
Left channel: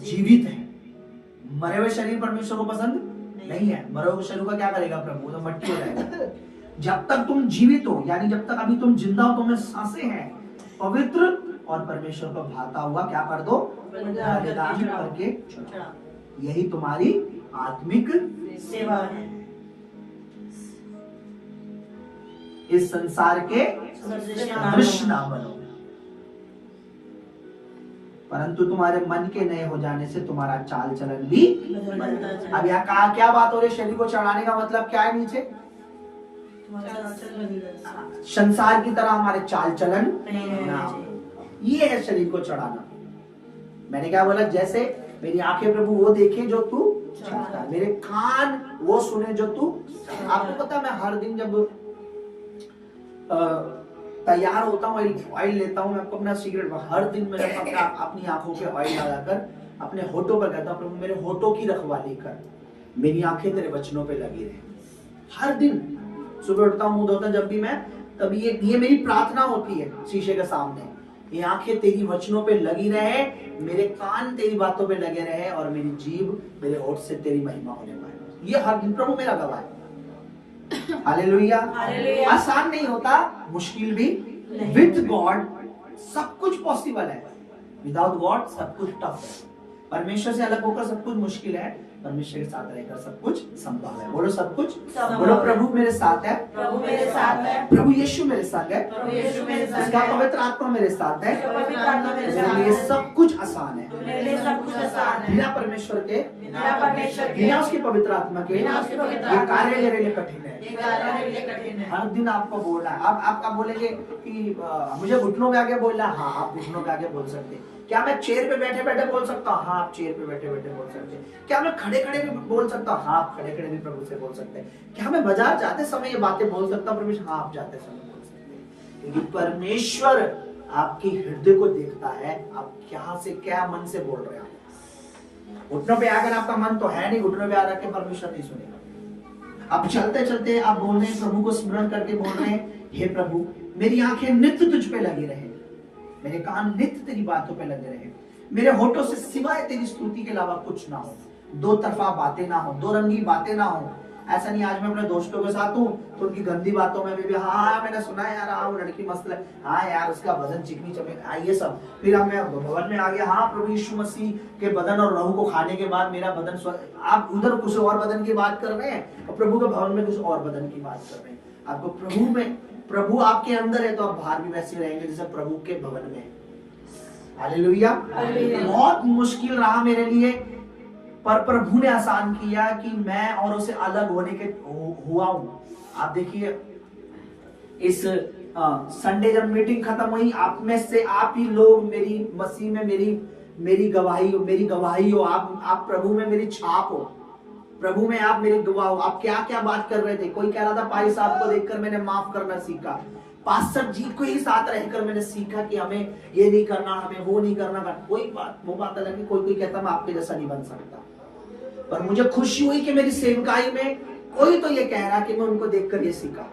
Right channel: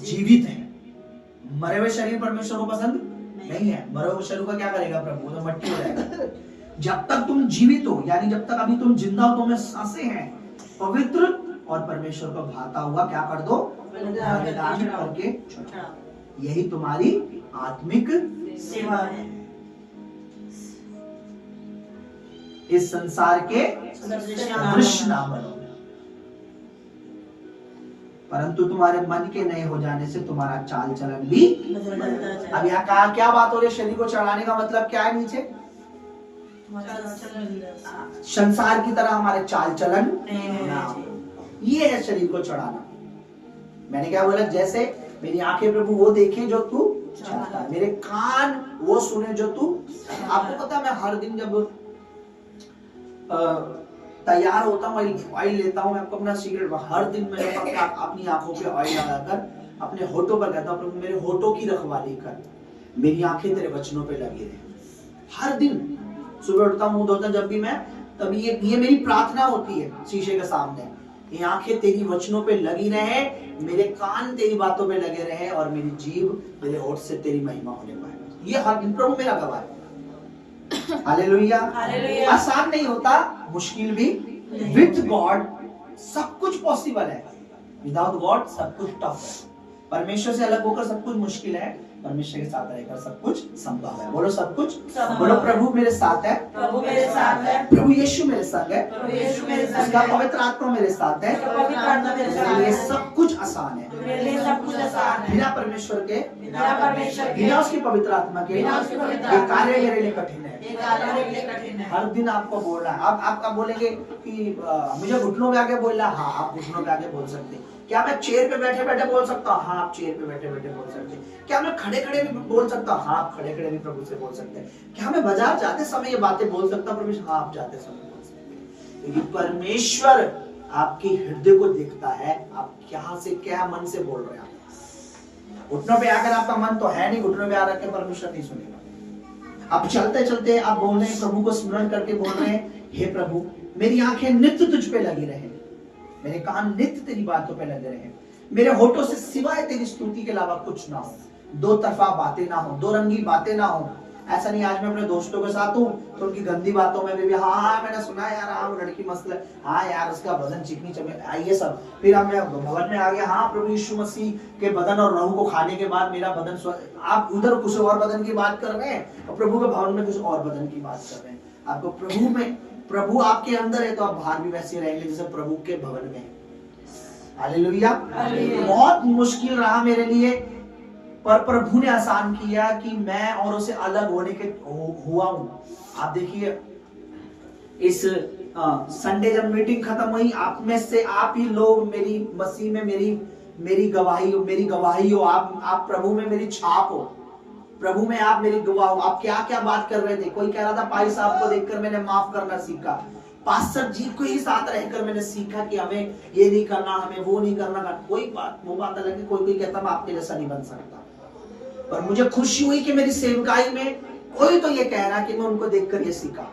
जीवित है। मरे हुए शरीर परमेश्वर को पसंद नहीं है। मरे हुए शरीर को क्या करेगा प्रभु? तो मट्टी हो जाएगा। जब तक तुम जीवित हो, यानी जब तक अभी तुम जिंदा हो, तुम्हें सांसें हैं, पवित्र और परमेश्वर को भाता हुआ क्या कर दो, बलिदान करके चढ़ाओ। यही तुम्हारी आत्मिक सेवा है। इस संसार के सदृश ना बनो, परंतु तुम्हारे मन के नए हो जाने से तुम्हारा चाल चलन भी। अब यहाँ कहा क्या बात हो रही है? शरीर को चढ़ाने का मतलब क्या है? नीचे संसार की तरह हमारे चाल चलन ना हो, ये है शरीर को चढ़ाना। मैंने क्या बोला? जैसे मेरी आंखें प्रभु वो देखे जो तू चाहता है, मेरे कान वो सुने जो तू। आपको पता है मैं हर दिन जब तैयार होता हूँ, ऑयल लेता हूँ, मैं आपको अपना सीक्रेट हर दिन मैं अपनी आंखों पे ऑयल लगाकर अपने होठों पर कहता हूँ, प्रभु मेरे होठों की रखवाली कर, मेरी आंखें तेरे वचनों पे लगी रहे। हर दिन सुबह उठता हूँ, मुंह धोता जब भी मैं, तभी ये मेरी प्रार्थना होती है शीशे के सामने, ये आंखें तेरी वचनों पे लगी रहे, मेरे कान तेरी बातों पे लगे रहे और मेरी जीभ मेरे होठ से तेरी महिमा होने पाए। ये हर दिन प्रभु मेरा गवाह है। हालेलुया। हालेलुया। आसान नहीं होता, मुश्किल भी। विद गॉड सब कुछ पॉसिबल है, विदाउट गॉड सब कुछ टफ है। परमेश्वर से अलग होकर सब कुछ मुश्किल है, परमेश्वर के साथ रहकर सब कुछ संभव है। बोलो सब कुछ संभव। बोलो प्रभु मेरे साथ है, प्रभु मेरे साथ है, प्रभु यीशु मेरे साथ है, प्रभु यीशु मेरे साथ उसका है, पवित्र आत्मा मेरे साथ है, उसका पवित्र आत्मा मेरे मेरे साथ लिए है, सब कुछ आसान है। मेरे लिए सब कुछ आसान है। बिना परमेश्वर के, बिना परमेश्वर के, बिना उसकी पवित्र आत्मा के बिना उसकी पवित्र ये आत्मा कार्य के, मेरे लिए कठिन है। ये कार्य मेरे लिए कठिन है। हर दिन आपको बोलना है। आप बोलेंगे कि मुझे घुटनों पे आके बोलना, हाँ आप घुटनों पे आके बोल सकते हैं। क्या मैं चेयर पे बैठे बैठे बोल सकता हूँ? हाँ आप चेयर पे बैठे बैठे बोल सकते हैं। क्या मैं खड़े खड़े भी बोल सकता हूँ? हाँ आप खड़े खड़े भी प्रभु से बोल सकते हैं। क्या मैं बाजार जाते समय ये बातें बोल सकता हूँ परमेश्वर? हाँ आप जाते समय बोल सकते हैं, क्योंकि परमेश्वर आपकी हृदय को देखता है, आप क्या से क्या मन से बोल रहे हैं। घुटनों पे आकर आपका मन तो है नहीं, घुटनों पे आ रखे परमेश्वर नहीं सुनेगा। आप चलते चलते आप बोल रहे हैं, प्रभु को स्मरण करके बोल रहे हैं, हे प्रभु मेरी आंखें नित्य तुझ पे लगी रहे, मेरे कान नित्य तेरी बातों पे लगे रहे, मेरे होठों से सिवाय तेरी स्तुति के अलावा कुछ ना हो, दो तरफा बातें ना हो, दो रंगी बातें ना हो। ऐसा नहीं आज मैं अपने दोस्तों के साथ हूँ तो उनकी गंदी बातों में भी हाँ मैंने सुना है यार, हाँ वो लड़की मस्त है, हाँ यार उसका बदन चिकनी चमे, ये सब। फिर अब मैं भवन में आ गया, हाँ प्रभु यीशु मसीह के बदन और लहू को खाने के बाद मेरा बदन आप उधर कुछ और बदन की बात कर रहे हैं और प्रभु के भवन में कुछ और बदन की बात कर रहे हैं। आपको प्रभु में, प्रभु आपके अंदर है तो आप बाहर भी वैसे रहेंगे जैसे प्रभु के भवन में। हालेलुया। बहुत मुश्किल रहा मेरे लिए, पर प्रभु ने आसान किया कि मैं और उसे अलग होने के हुआ हूं। आप देखिए इस संडे जब मीटिंग खत्म हुई, आप में से आप ही लोग मेरी मसीह में मेरी गवाही हो। आप प्रभु में मेरी छाप हो, प्रभु में आप मेरी गवाह हो। आप क्या क्या बात कर रहे थे। कोई कह रहा था भाई साहब को देखकर मैंने माफ करना सीखा, पास्टर जी को ही साथ रहकर मैंने सीखा कि हमें ये नहीं करना, हमें वो नहीं करना। कोई बात वो बात अलग है, कोई कहता मैं आपके जैसा नहीं बन सकता, पर मुझे खुशी हुई कि मेरी सेवकाई में कोई तो ये कह रहा कि मैं उनको देखकर ये सीखा।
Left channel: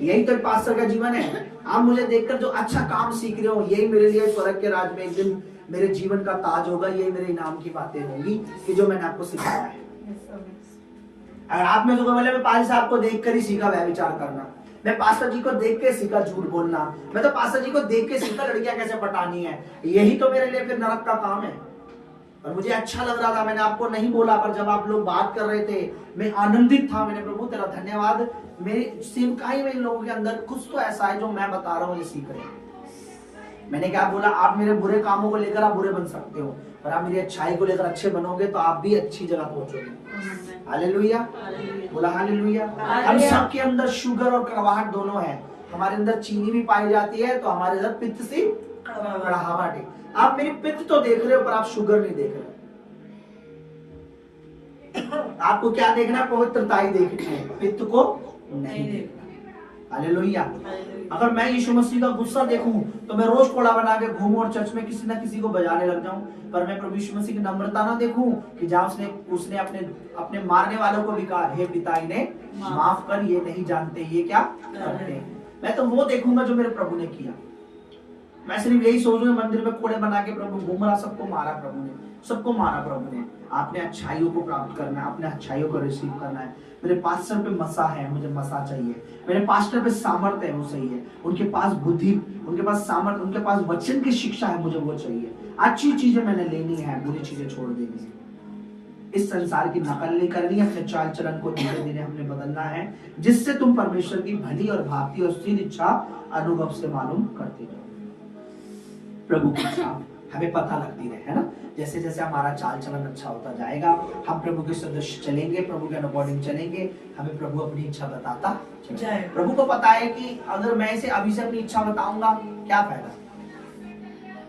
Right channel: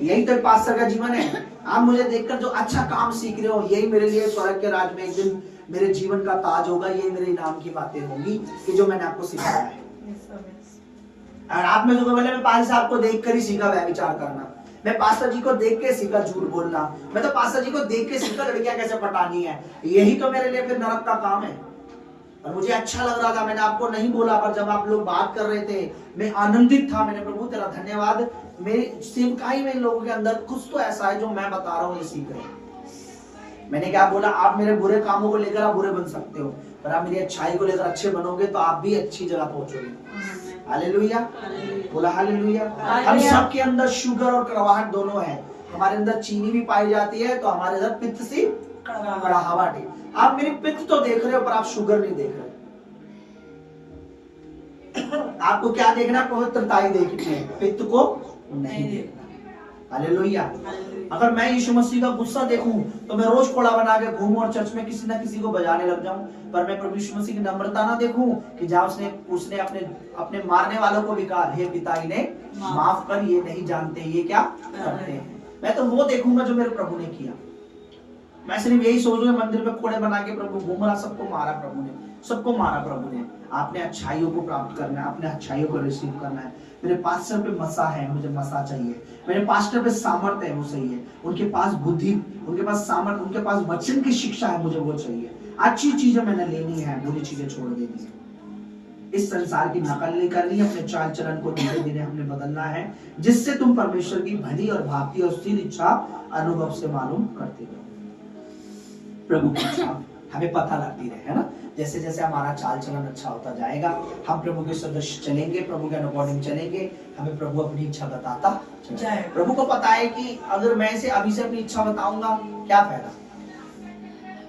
यही तो पास्टर का जीवन है। आप मुझे देखकर जो अच्छा काम सीख रहे हो, यही मेरे लिए स्वर्ग के राज में एक दिन मेरे जीवन का ताज होगा। यही मेरे इनाम की बातें होंगी कि जो मैंने आपको सिखाया है। और आप में जो बोले मैं पाल साहब को देखकर ही सीखा व्यभिचार करना, मैं पास्टर जी को देख के सीखा झूठ बोलना, मैं तो पास्टर जी को देख के सीखा लड़कियां कैसे पटानी है। यही तो मेरे लिए फिर नरक का काम है। और मुझे अच्छा लग रहा था, मैंने आपको नहीं बोला, पर जब आप लोग बात कर रहे थे मैं आनंदित था। मैंने प्रभु तेरा धन्यवाद, मेरी सेवकाई में इन लोगों के अंदर कुछ तो ऐसा है जो मैं बता रहा हूँ ये सीख रहे हैं। मैंने क्या बोला, आप मेरे बुरे कामों को लेकर आप बुरे बन सकते हो, पर आप मेरी अच्छाई को लेकर अच्छे बनोगे तो आप भी अच्छी जगह पहुंचोगे। हालेलुया, बोला हालेलुया। हम सबके अंदर शुगर और कड़वाहट दोनों है। हमारे अंदर चीनी भी पाई जाती है तो हमारे अंदर पित्त सी कड़वाहट है। आप मेरी पित्त तो देख रहे हो पर आप शुगर नहीं देख रहे। आपको क्या देखना है? पवित्रता ही देखनी है, पित्त को नहीं देखना। हालेलुया। अगर मैं यीशु मसीह का गुस्सा देखूं तो मैं रोज कोड़ा बना के घूमूं और चर्च में किसी ना किसी को बजाने लग जाऊं, पर मैं प्रभु यीशु मसीह की नम्रता ना देखूं कि जहां उसने अपने मारने वालों को भी कहा, हे पिता इन्हें माफ कर, ये नहीं जानते ये क्या करते हैं। मैं तो वो देखूंगा जो मेरे प्रभु ने किया। मैं सिर्फ यही सोच रहा हूं मंदिर में कोड़े बना के प्रभु घूम रहा, सबको मारा प्रभु ने, सबको मारा प्रभु ने। आपने अच्छाइयों को प्राप्त करना है, अपने अच्छाइयों को रिसीव करना है। मेरे पास्टर पे मसा है, मुझे मसा चाहिए। मेरे पास्टर पे सामर्थ्य है, वो सही है। उनके पास बुद्धि, उनके पास सामर्थ्य, उनके पास वचन की शिक्षा है, मुझे वो चाहिए। अच्छी चीजें मैंने लेनी है, बुरी चीजें छोड़ देनी है। इस संसार की नकल नहीं करनी है, अपने चाल चलन को धीरे धीरे हमने बदलना है, जिससे तुम परमेश्वर की भली और भावती और स्थिर इच्छा अनुभव से मालूम करते हो। प्रभु की इच्छा हमें पता लगती रहे, है ना। जैसे जैसे हमारा चाल चलन अच्छा होता जाएगा, हम प्रभु के सदस्य चलेंगे, प्रभु के अकॉर्डिंग चलेंगे, हमें प्रभु अपनी इच्छा बताता जाए। प्रभु को पता है कि अगर मैं इसे अभी से अपनी इच्छा बताऊंगा क्या फायदा,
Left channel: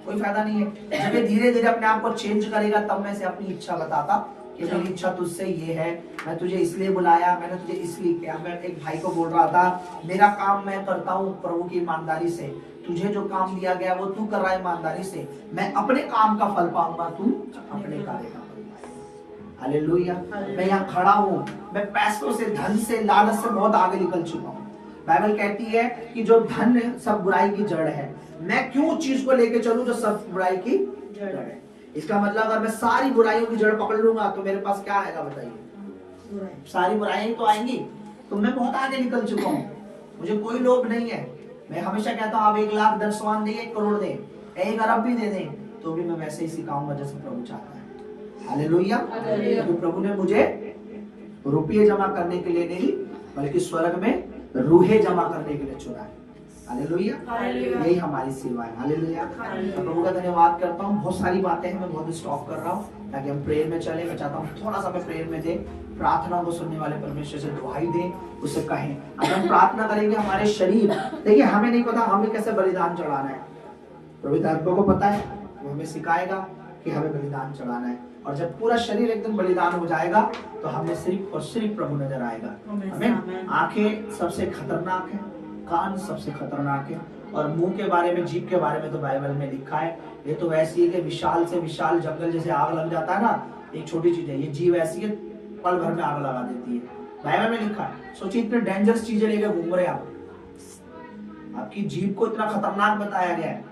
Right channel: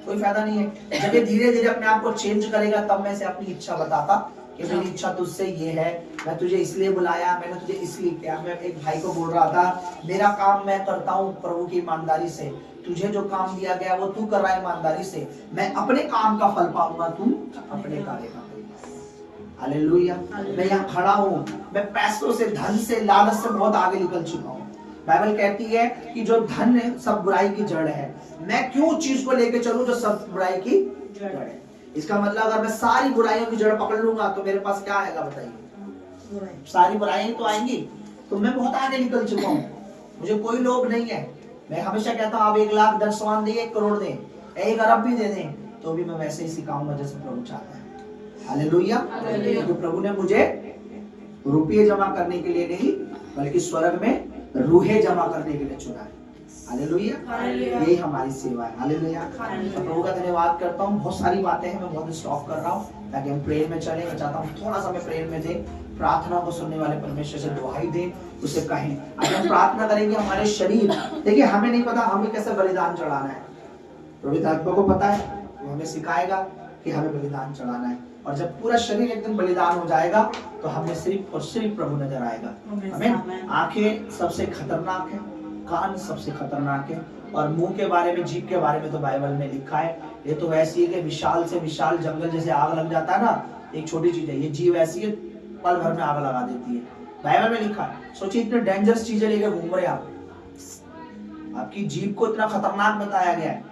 कोई फायदा नहीं है। जब ये धीरे धीरे अपने आप को चेंज करेगा तब मैं इसे अपनी इच्छा बताता कि मेरी इच्छा तुझसे ये है, मैं तुझे इसलिए बुलाया, मैंने तुझे इसलिए किया। मैं एक भाई को बोल रहा था, मेरा काम मैं करता हूँ प्रभु की ईमानदारी से, तुझे जो काम दिया गया वो तू कर रहा है ईमानदारी से, मैं अपने काम का फल पाऊंगा, तू अपने कार्य का फल पाएगा। हालेलुया। मैं यहाँ खड़ा हूँ, मैं पैसों से, धन से, लालच से बहुत आगे निकल चुका हूँ। बाइबल कहती है कि जो धन है सब बुराई की जड़ है, मैं क्यों उस चीज को लेके चलूं जो सब बुराई की जड़ है। इसका मतलब अगर मैं सारी बुराइयों की जड़ पकड़ लूंगा तो मेरे पास क्या आएगा बताइए, सारी बुराइयां तो आएंगी। तो मैं बहुत आगे निकल चुका हूँ, मुझे कोई लोभ नहीं है। मैं हमेशा कहता हूँ आप 1 लाख 10 मान दें, 1 करोड़ दें, 1 अरब भी दे दें, तो भी मैं वैसे ही सिखाऊंगा जैसे प्रभु चाहता है। हालेलुया। क्योंकि प्रभु ने मुझे रुपये जमा करने के लिए नहीं, बल्कि स्वर्ग में रूहे जमा करने के लिए चुना है। हालेलुया। यही हमारी सेवा है। हालेलुया। तो प्रभु का धन्यवाद करता हूँ। बहुत सारी बातें हैं, मैं बहुत स्टॉप कर रहा हूँ ताकि हम प्रेयर में चले। मैं चाहता हूँ थोड़ा सा मैं प्रेयर में दे, प्रार्थना को सुनने वाले परमेश्वर से दुहाई दें, उसे कहें। अगर हम प्रार्थना करेंगे हमारे शरीर, देखिए हमें नहीं पता हमें कैसे बलिदान चढ़ाना है, प्रभु आत्मा को पता है, वो हमें सिखाएगा कि हमें बलिदान चढ़ाना है। और जब पूरा शरीर एकदम बलिदान हो जाएगा तो हमें सिर्फ और सिर्फ प्रभु नजर आएगा। हमें आंखें सबसे खतरनाक है, कान सबसे खतरनाक है, और मुंह के बारे में, जीभ के बारे में तो बाइबल में लिखा है, ये तो ऐसी है कि विशाल से विशाल जंगल जैसे आग लग जाता है ना, एक छोटी चीज है, ये जीभ ऐसी है पल भर में आग लगा देती है। बाइबल में लिखा है। सोचिए इतने डेंजरस चीजें लेकर घूम रहे आप, आपकी जीभ को इतना खतरनाक बताया गया है,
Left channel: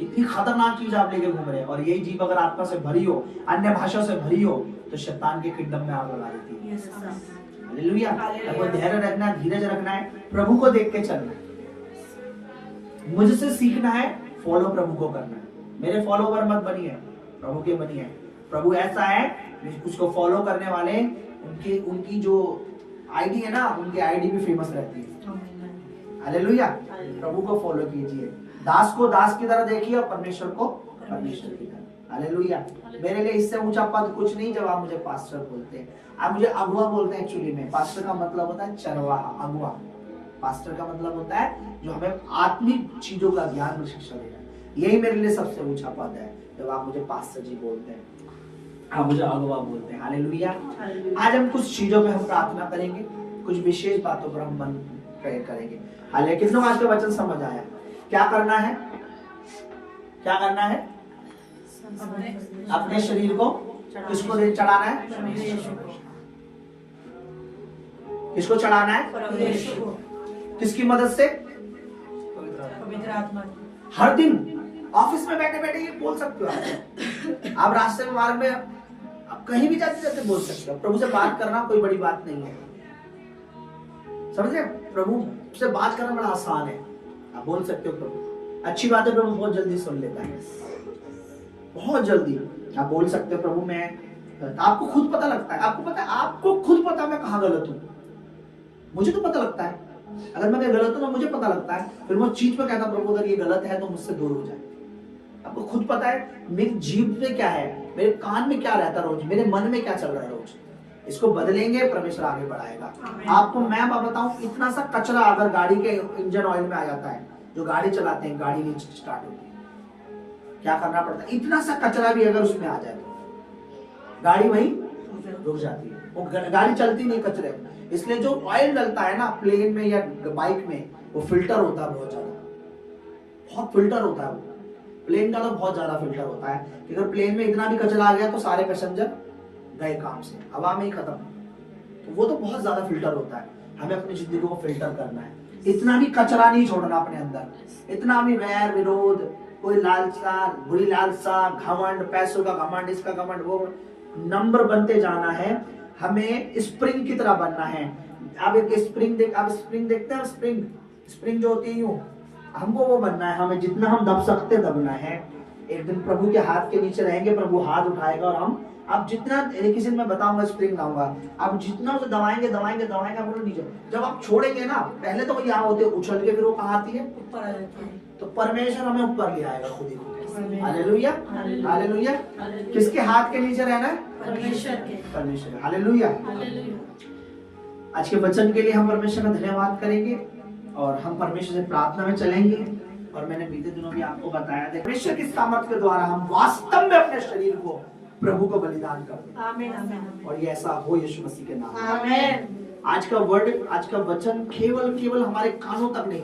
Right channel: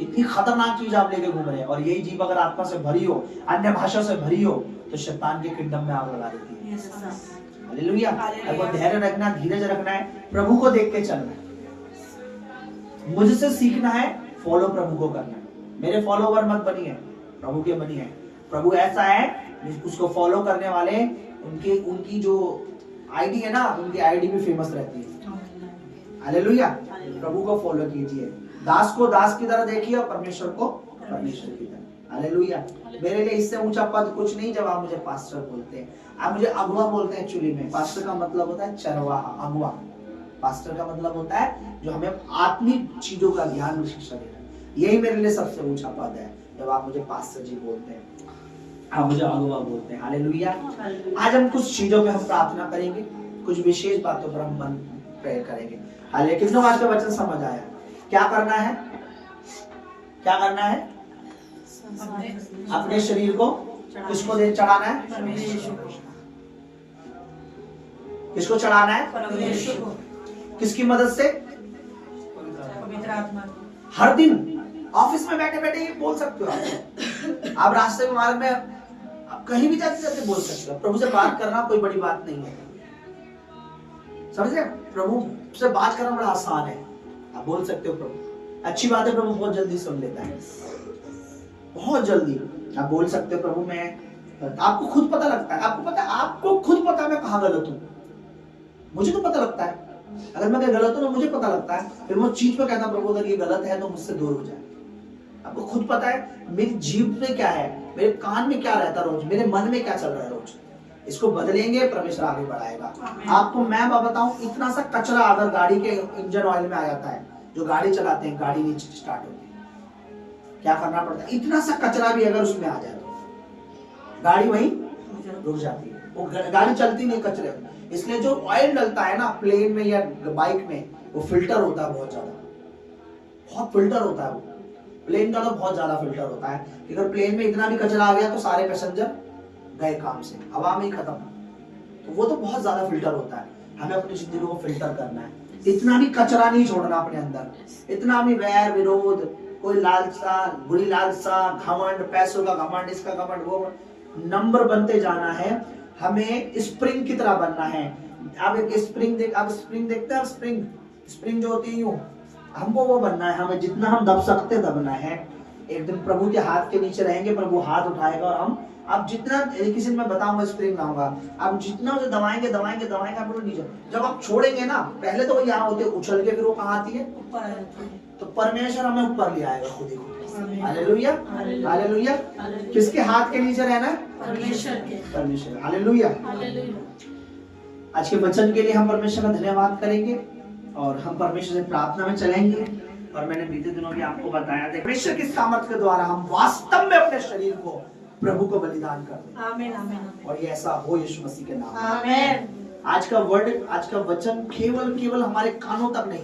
इतनी खतरनाक चीज आप लेके घूम रहे हैं। और यही जीभ अगर आत्मा से भरी हो, अन्य भाषा से भरी हो, तो शैतान के किंगडम में आग लगा देती है। हालेलुया। आपको धैर्य रखना, धीरज रखना है, प्रभु को देख के चलना है, मुझसे सीखना है, फॉलो प्रभु को करना है। मेरे फॉलोवर मत बनिए, प्रभु के बनिए। प्रभु ऐसा है उसको फॉलो करने वाले, उनकी जो आईडी है ना, उनकी आईडी भी फेमस रहती है। हालेलुया। प्रभु को फॉलो कीजिए, दास को दास की तरह देखिए और परमेश्वर को परमेश्वर की तरह। हालेलुया। मेरे लिए इससे ऊंचा पद कुछ नहीं जब आप मुझे पास्टर बोलते हैं। आप मुझे अगुआ बोलते हैं। एक्चुअली में पास्टर का मतलब होता है चरवाहा, अगुआ। पास्टर का मतलब होता है जो हमें आत्मिक चीजों का ज्ञान और शिक्षा देना है। यही मेरे लिए सबसे ऊंचा पद है जब आप मुझे पास्टर जी बोलते हैं, आप मुझे अगुआ बोलते हैं। हालेलुया। आज हम कुछ चीजों पे हम प्रार्थना करेंगे, कुछ विशेष बातों पर हम मन प्रेयर करेंगे। हालेलुया। कितनों आज का वचन समझ आया? क्या करना है? क्या करना है? अपने शरीर को किसको दे चढ़ाना है? किसको चढ़ाना है? किसकी मदद से? हर दिन ऑफिस में बैठे बैठे ये बोल सकते हो आप रास्ते में, मार्ग में, आप कहीं भी जाते जाते बोल सकते हो। प्रभु से बात करना कोई बड़ी बात नहीं है, समझ रहे? प्रभु से बात करना बड़ा आसान है, आप बोल सकते हो प्रभु। अच्छी बात है, प्रभु बहुत जल्दी सुन लेता है, बहुत जल्दी आप बोल सकते हो प्रभु मैं, आपको खुद पता लगता है, आपको पता है, आपको खुद पता है मैं कहाँ गलत हूँ। मुझे तो पता लगता है, अगर मैं गलत हूँ ना मुझे पता लगता है, फिर मैं चीज पे कहता हूँ प्रभु अगर ये गलत है तो मुझसे दूर हो जाए। आपको खुद पता है मेरी जीभ में क्या है, मेरे कान में क्या रहता रोज, मेरे मन में क्या चल रहा है रोज। इसको बदलेंगे, परमेश्वर आगे बढ़ाएगा। आपको मैं बताऊं, इतना सा कचरा अगर गाड़ी के इंजन ऑयल में आ जाता है, जो गाड़ी चलाते हैं गाड़ी नहीं स्टार्ट होती है, क्या करना पड़ता है? इतना सा कचरा भी अगर उसमें आ जाए तो गाड़ी वहीं रुक जाती है, वो गाड़ी चलती नहीं कचरे में। इसलिए जो ऑयल डलता है ना प्लेन में या बाइक में, वो फिल्टर होता है, बहुत ज्यादा, बहुत फिल्टर होता है। वो प्लेन का तो बहुत ज्यादा फिल्टर होता है, अगर प्लेन में इतना भी कचरा आ गया तो सारे पैसेंजर गए काम से, हवा में ही खत्म। तो वो तो बहुत ज्यादा फिल्टर होता है। हमें अपनी जिंदगी को फिल्टर करना है, इतना भी कचरा नहीं छोड़ना अपने अंदर, इतना भी वैर विरोध, कोई लालसा, बुरी लालसा, घमंड, पैसों का घमंड, इसका घमंड, वो नंबर बनते जाना है। हमें स्प्रिंग की तरह बनना है। अब एक स्प्रिंग देखते हैं, स्प्रिंग जो होती है यूं, हमको वो बनना है। हमें जितना हम दब सकते दबना है। एक दिन प्रभु के हाथ के नीचे रहेंगे, प्रभु हाथ उठाएगा और हम, आप जितना, किसी दिन मैं बताऊंगा स्प्रिंग लाऊंगा, आप जितना उसे दबाएंगे आप नीचे, जब आप छोड़ेंगे ना, पहले तो वो यहाँ होते उछल के, फिर वो कहाँ आती है? ऊपर आ जाती है। तो परमेश्वर हमें ऊपर ले आएगा खुद ही खुद। Hallelujah, hallelujah. किसके हाथ के नीचे रहना है? परमेश्वर के। परमेश्वर। हालेलुया। आज के वचन के लिए हम परमेश्वर का धन्यवाद करेंगे और हम परमेश्वर से प्रार्थना में चलेंगे। और मैंने बीते दिनों भी आपको बताया था, परमेश्वर की सामर्थ्य के द्वारा हम वास्तव में अपने शरीर को प्रभु को बलिदान कर दें आमीन आमीन और ये ऐसा हो यीशु मसीह के नाम में। आमीन। आज का वर्ड, आज का वचन केवल हमारे कानों तक नहीं,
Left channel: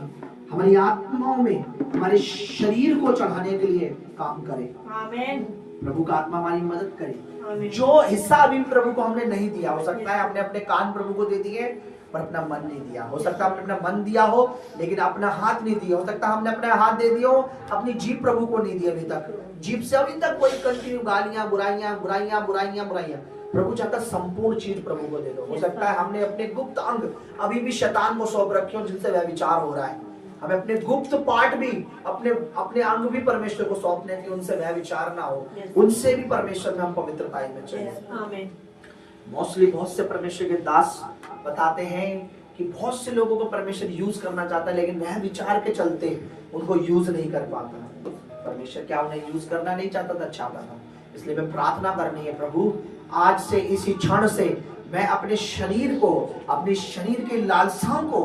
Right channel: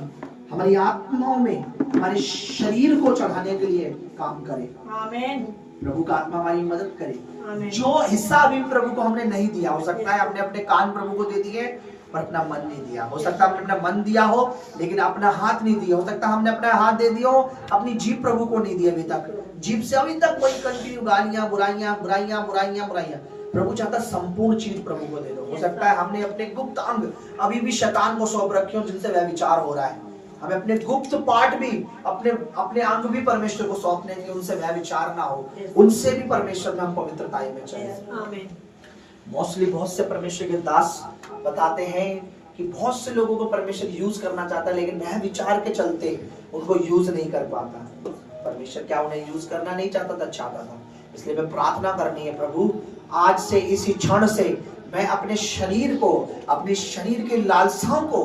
हमारी आत्माओं में, हमारे शरीर को चढ़ाने के लिए काम करे। आमीन प्रभु का आत्मा हमारी मदद करे। आमीन। जो हिस्सा अभी प्रभु को हमने नहीं दिया, हो सकता है हमने अपने कान प्रभु को दे दिए पर अपना मन नहीं दिया, हो सकता है हमने अपना मन दिया हो लेकिन अपना हाथ नहीं दिया, हो सकता है हमने अपना हाथ दे दिया हो, अपनी जीभ प्रभु को नहीं दी अभी तक, जीभ से अभी तक वही कंटिन्यू गालियां, बुराइयां बुराइयां बुराइयां बुराइयां। प्रभु चाहता संपूर्ण चीज प्रभु को दे दो। हो सकता है हमने अपने गुप्त अंग अभी भी शैतान को सौंप रखे हो जिनसे वह विचार हो रहा है, हमें अपने गुप्त पार्ट भी, अपने अंग भी परमेश्वर को सौंपने की, उनसे वह विचार ना हो, उनसे भी परमेश्वर में हम पवित्रताई में चले। आमीन। मोस्टली बहुत से परमेश्वर के दास बताते हैं कि बहुत से लोगों को परमेश्वर यूज करना चाहता है लेकिन वह विचार के चलते उनको यूज नहीं कर पाता। परमेश्वर क्या उन्हें यूज करना नहीं चाहता था, चाहता था। इसलिए मैं प्रार्थना करनी है, प्रभु आज से इसी क्षण से मैं अपने शरीर को, अपने शरीर के लालसाओं को,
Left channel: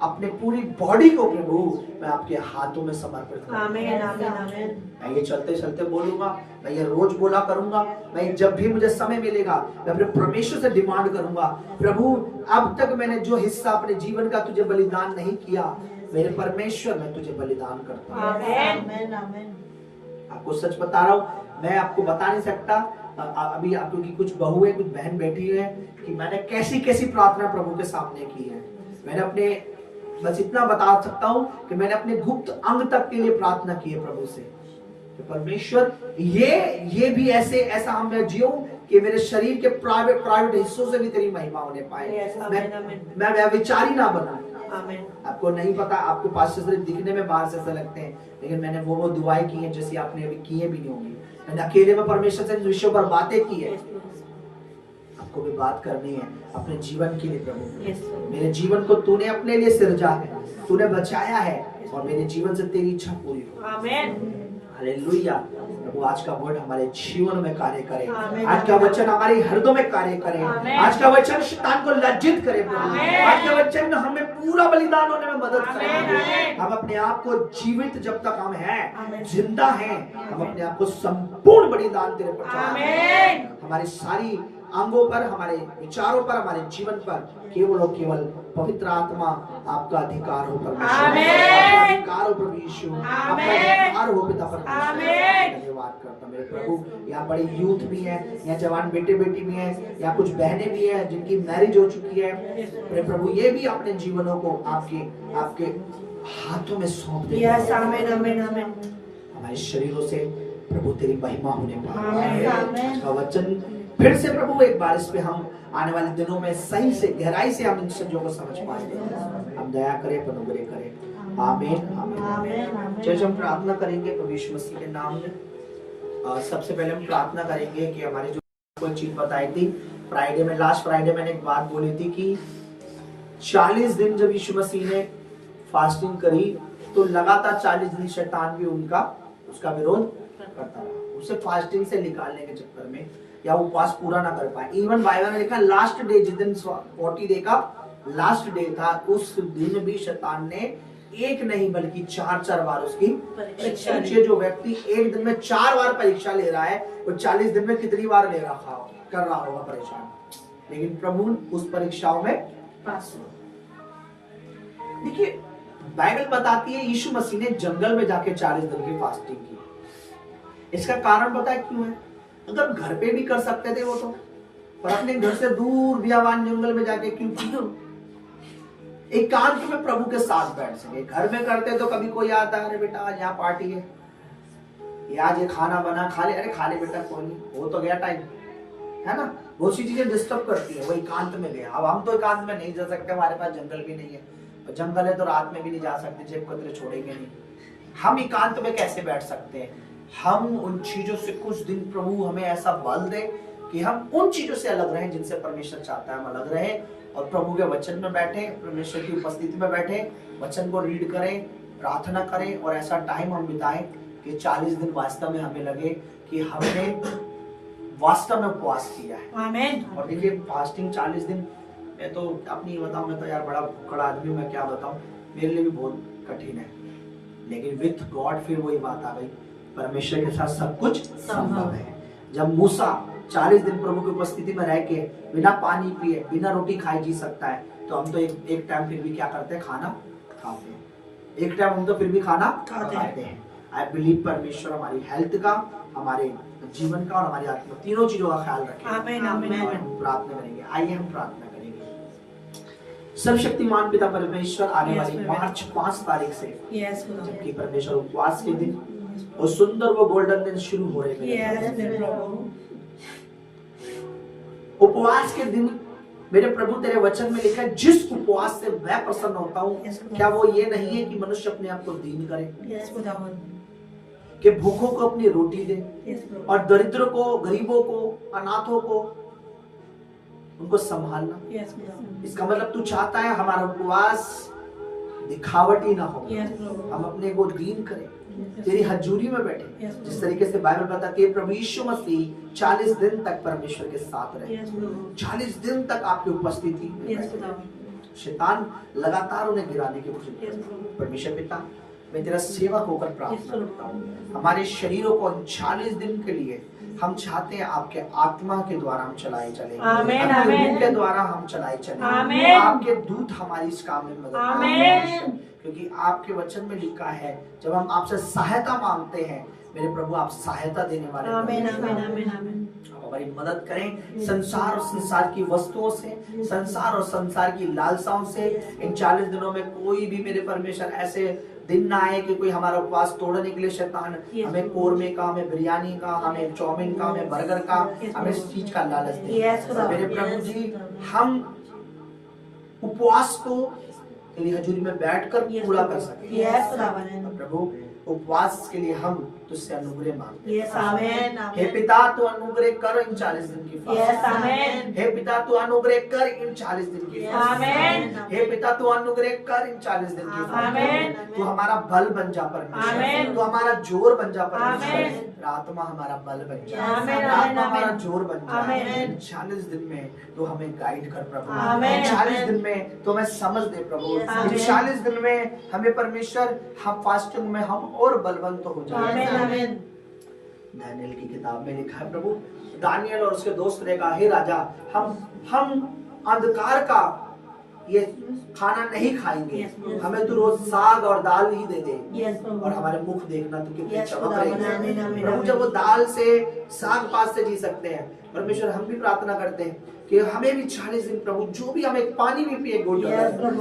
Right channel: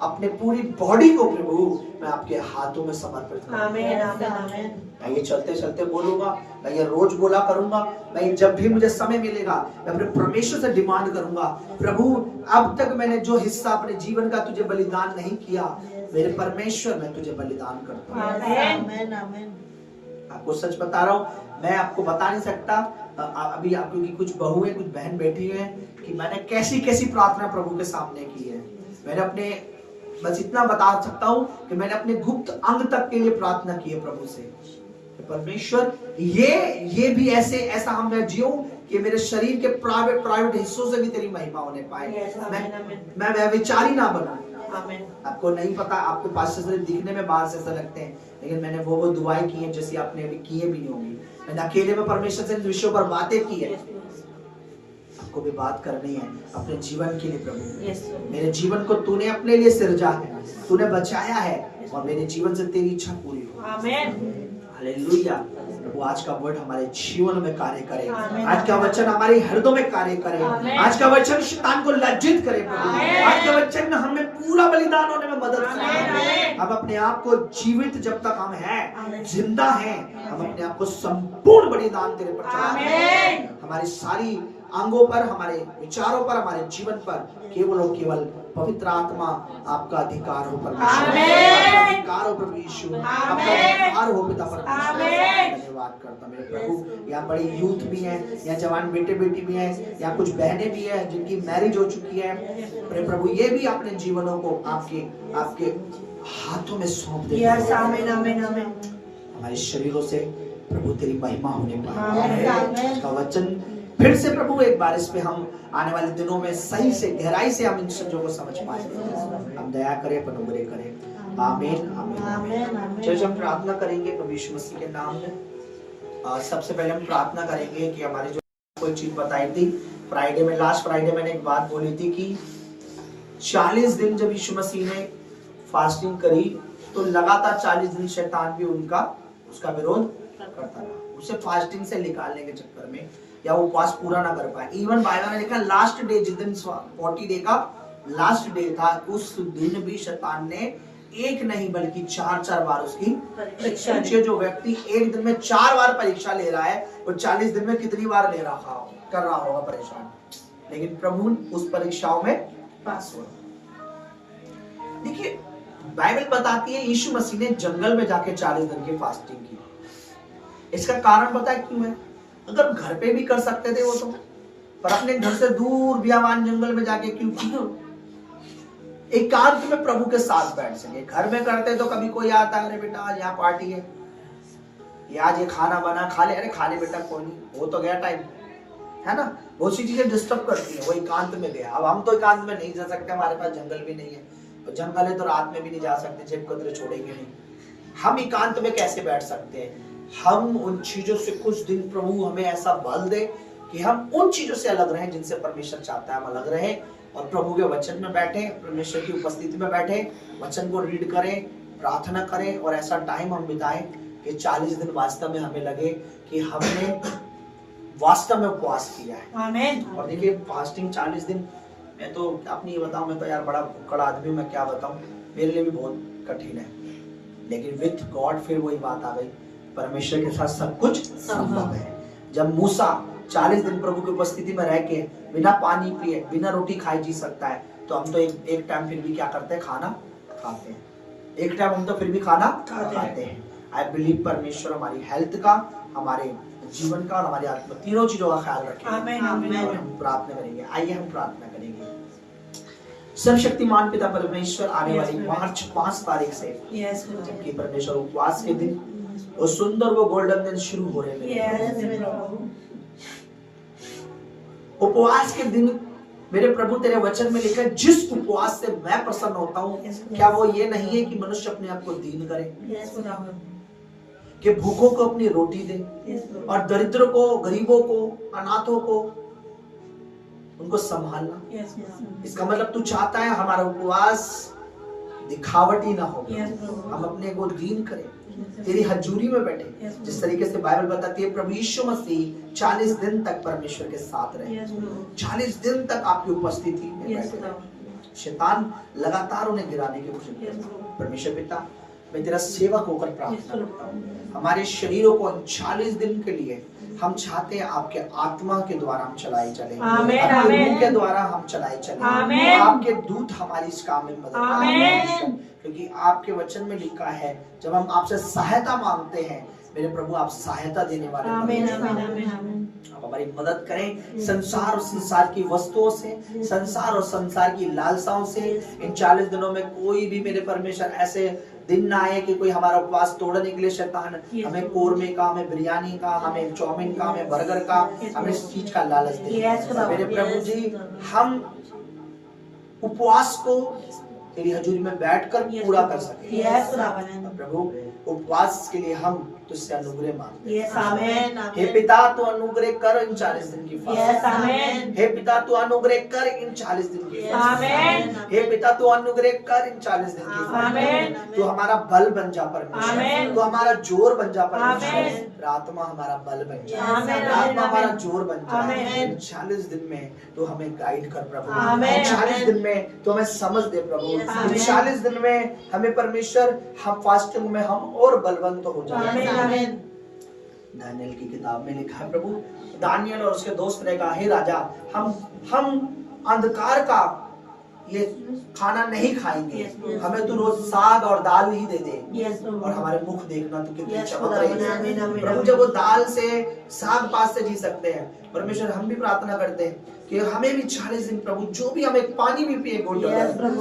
अपने पूरी बॉडी को प्रभु मैं आपके हाथों में समर्पित करूंगा। आमीन आमीन आमीन। मैं ये चलते चलते बोलूंगा, मैं ये रोज बोला करूंगा, मैं जब भी मुझे समय मिलेगा मैं अपने परमेश्वर से डिमांड करूंगा, प्रभु अब तक मैंने जो हिस्सा अपने जीवन का तुझे बलिदान नहीं किया, मेरे परमेश्वर मैं तुझे बलिदान करता हूँ। आमीन आमीन। आपको सच बता रहा हूँ, मैं आपको बता नहीं सकता अभी आप, क्योंकि कुछ बहुएं, कुछ बहन बैठी है, कि मैंने कैसी कैसी प्रार्थना प्रभु के सामने की है। मैंने अपने, बस इतना बता सकता हूं कि मैंने अपने गुप्त अंग तक के लिए प्रार्थना की है प्रभु से कि परमेश्वर ये भी ऐसा हम मैं जियो कि मेरे शरीर के प्राइवेट हिस्सों से भी तेरी महिमा होने पाए, मैं व्यभिचारी ना बनूं। आपको नहीं पता, आपको पास से सिर्फ दिखने में बाहर से ऐसा लगते हैं, लेकिन मैंने वो दुआएं की हैं जैसी आपने अभी किए भी नहीं होंगी। मैंने अकेले में परमेश्वर से इन विषयों पर बातें की है। आपको भी बात करनी है अपने जीवन के लिए। प्रभु मेरे जीवन को तूने अपने लिए सृजा है, तूने बचाया है और मेरे जीवन से तेरी इच्छा पूरी हो। आमीन। हालेलुया। प्रभु आज का वर्ड हमारे जीवन में कार्य करे, आज का वचन हमारे हृदय में कार्य करे, आज का वचन शैतान को लज्जित करे प्रभु, आज का वचन हमें पूरा बलिदान होने में मदद करे। हम अपने आप को जीवित, जब तक हम हैं, जिंदा हैं, हम अपने आप को संपूर्ण बलिदान तेरे पर चढ़ाएं। हमारी सारी अंगों पर, हमारे विचारों पर, हमारे जीवन पर केवल और केवल पवित्र आत्मा आपका अधिकार हो परमेश्वर, आपका अधिकार हो प्रभु यीशु, आपका अधिकार हो पिता परमेश्वर। धन्यवाद करता मेरे प्रभु। यहाँ बड़ी यूथ भी है, यहाँ जवान बेटे बेटी भी है, यहाँ कुछ बहनें भी है जिनकी मैरिज हो चुकी है। मेरे प्रभु ये भी अपने जीवनों को आपके हाथों में सौंप दे। हमारे शरीरों से प्रभु तेरी महिमा होने पाए। वचन फिर से प्रभु एक बार इस पे हम आने वाले दिनों में सही से, गहराई से हम इन चीजों को समझ पाएंगे। हम दया करें, अनुग्रह करें। आमीन आमीन। चलिए हम प्रार्थना करेंगे प्रभु यीशु मसीह के नाम में। सबसे पहले हम प्रार्थना करेंगे कि हमारी जो कोई चीज बताई थी फ्राइडे में, लास्ट फ्राइडे मैंने एक बात बोली थी कि 40 दिन जब यीशु मसीह ने फास्टिंग करी तो लगातार 40 दिन शैतान भी उसका विरोध करता रहा, उसे फास्टिंग से निकालने के चक्कर में, या वो उपवास पूरा ना कर पाए। इवन बाइबल ने लिखा लास्ट डे, जिस दिन 40 डे का लास्ट डे था, उस दिन भी शैतान ने एक नहीं बल्कि 4 बार उसकी परीक्षा ली। जो व्यक्ति एक दिन में 4 बार परीक्षा ले रहा है, वो 40 दिन में कितनी बार कर रहा होगा परेशान, लेकिन प्रभु उस परीक्षाओं में पास हुआ। देखिए बाइबल बताती है यीशु मसीह ने जंगल में जाके 40 दिन की फास्टिंग की। इसका कारण पता है क्यों है? अगर घर पे भी कर सकते थे वो तो, पर अपने घर से दूर बियावान जंगल में जाके क्यों? एकांत में प्रभु के साथ बैठ सके। घर में करते तो कभी कोई आता है, अरे बेटा आज यहाँ पार्टी है, आज ये खाना बना, खा ले, अरे खा ले बेटा, कोई नहीं, वो तो गया टाइम, है ना। बहुत सी चीजें डिस्टर्ब करती है। वो एकांत में गया। अब हम तो एकांत में नहीं जा सकते, हमारे पास जंगल भी नहीं है, और जंगल है तो रात में भी नहीं जा सकते, जेब कतरे छोड़ेंगे नहीं। हम एकांत में कैसे बैठ सकते हैं? हम उन चीजों से कुछ दिन प्रभु हमें ऐसा बल दे कि हम उन चीजों से अलग रहें जिनसे परमेश्वर चाहता है हम अलग रहें, और प्रभु के वचन में बैठे, परमेश्वर की उपस्थिति में बैठे, वचन को रीड करें, प्रार्थना करें, और ऐसा टाइम हम बिताएं कि 40 दिन वास्तव में हमें लगे कि हमने वास्तव में उपवास किया है। आमीन। और देखिए फास्टिंग 40 दिन, मैं तो अपनी ये बताऊं, मैं तो यार बड़ा भुक्कड़ आदमी, मैं क्या बताऊं, मेरे लिए भी बहुत कठिन है, लेकिन विथ गॉड फिर वही बात आ गई, परमेश्वर के साथ सब कुछ संभव है। जब मूसा 40 दिन प्रभु की उपस्थिति में रह के बिना पानी पिए बिना रोटी खाए जी सकता है, तो हम तो एक टाइम फिर भी क्या करते हैं, खाना खाते हैं। एक टाइम हम तो फिर भी खाना खाते हैं। आई बिलीव परमेश्वर हमारी हेल्थ का, हमारे जीवन का और हमारी आत्मा तीनों चीजों का ख्याल रखें। और हम प्रार्थना करेंगे। आइए हम प्रार्थना करेंगे। सर्वशक्तिमान पिता परमेश्वर, आने वाली मार्च 5 तारीख से जबकि परमेश्वर उपवास के दिन वो सुंदर वो गोल्डन दिन शुरू हो रहे हैं। उपवास के दिन मेरे प्रभु तेरे वचन में लिखा है, जिस उपवास से मैं प्रसन्न होता हूँ, क्या वो ये नहीं है कि मनुष्य अपने आप को दीन करे, कि भूखों को अपनी रोटी दे और दरिद्रों को, गरीबों को, अनाथों को उनको संभालना। इसका मतलब तू चाहता है हमारा उपवास दिखावटी ना हो, हम अपने को दीन करें, तेरी हजूरी में बैठे। जिस तरीके से बाइबल बताती है प्रभु यीशु मसीह 40 दिन तक परमेश्वर के साथ रहे, 40 दिन तक आपकी उपस्थिति में बैठे। शैतान लगातार उन्हें गिराने की कोशिश करता। परमेश्वर पिता, मैं तेरा सेवक होकर प्रार्थना करता हूँ, हमारे शरीरों को 40 दिन के लिए हम चाहते हैं आपके आत्मा के द्वारा हम चलाए चले, आपके रूह के द्वारा हम चलाए चले, आपके दूत हमारी इस काम में मदद करें, क्योंकि आपके वचन में लिखा है जब हम आपसे सहायता मांगते हैं मेरे प्रभु आप सहायता देने वाले। आप हमारी मदद करें संसार और संसार की वस्तुओं से, संसार और संसार की लालसाओं से। इन 40 दिनों में कोई भी मेरे परमेश्वर ऐसे दिन ना आए कि कोई हमारा उपवास तोड़ने के लिए शैतान हमें कोरमे का, हमें बिरयानी का, हमें चाउमीन का, हमें बर्गर का, हमें इस चीज का लालच दे। मेरे प्रभु जी, हम उपवास को तेरी हजूरी में बैठकर पूरा कर सके। प्रभु उपवास के लिए हम तुझसे अनुग्रह मांगते हैं। हे पिता तू अनुग्रह कर इन 40 दिन की फास्ट। हे पिता तू अनुग्रह कर इन 40 दिन की फास्ट। हे पिता तू अनुग्रह कर इन 40 दिन की फास्ट। तू हमारा बल बन जा परमेश्वर, तू हमारा जोर बन जा परमेश्वर, आत्मा हमारा बल बन जा, आत्मा हमारा जोर बन जा। इन 40 दिन में तू हमें गाइड कर प्रभु, 40 दिन में तू हमें समझ दे प्रभु, इन 40 दिन में हमें परमेश्वर हम फास्टिंग में हम और बलवंत हो जाए। दानियल की किताब में लिखा है प्रभु, दानियल और उसके दोस्त ने कहा, हे राजा, हम अंधकार का ये खाना नहीं खाएंगे, हमें तो रोज साग और दाल ही दे दे और हमारे मुख देखना तो कितने चमक रहे हैं। प्रभु जब वो दाल से साग पात से जी सकते हैं, परमेश्वर हम भी प्रार्थना करते हैं कि हमें भी 40 दिन प्रभु जो भी हम एक पानी भी पिए घूंट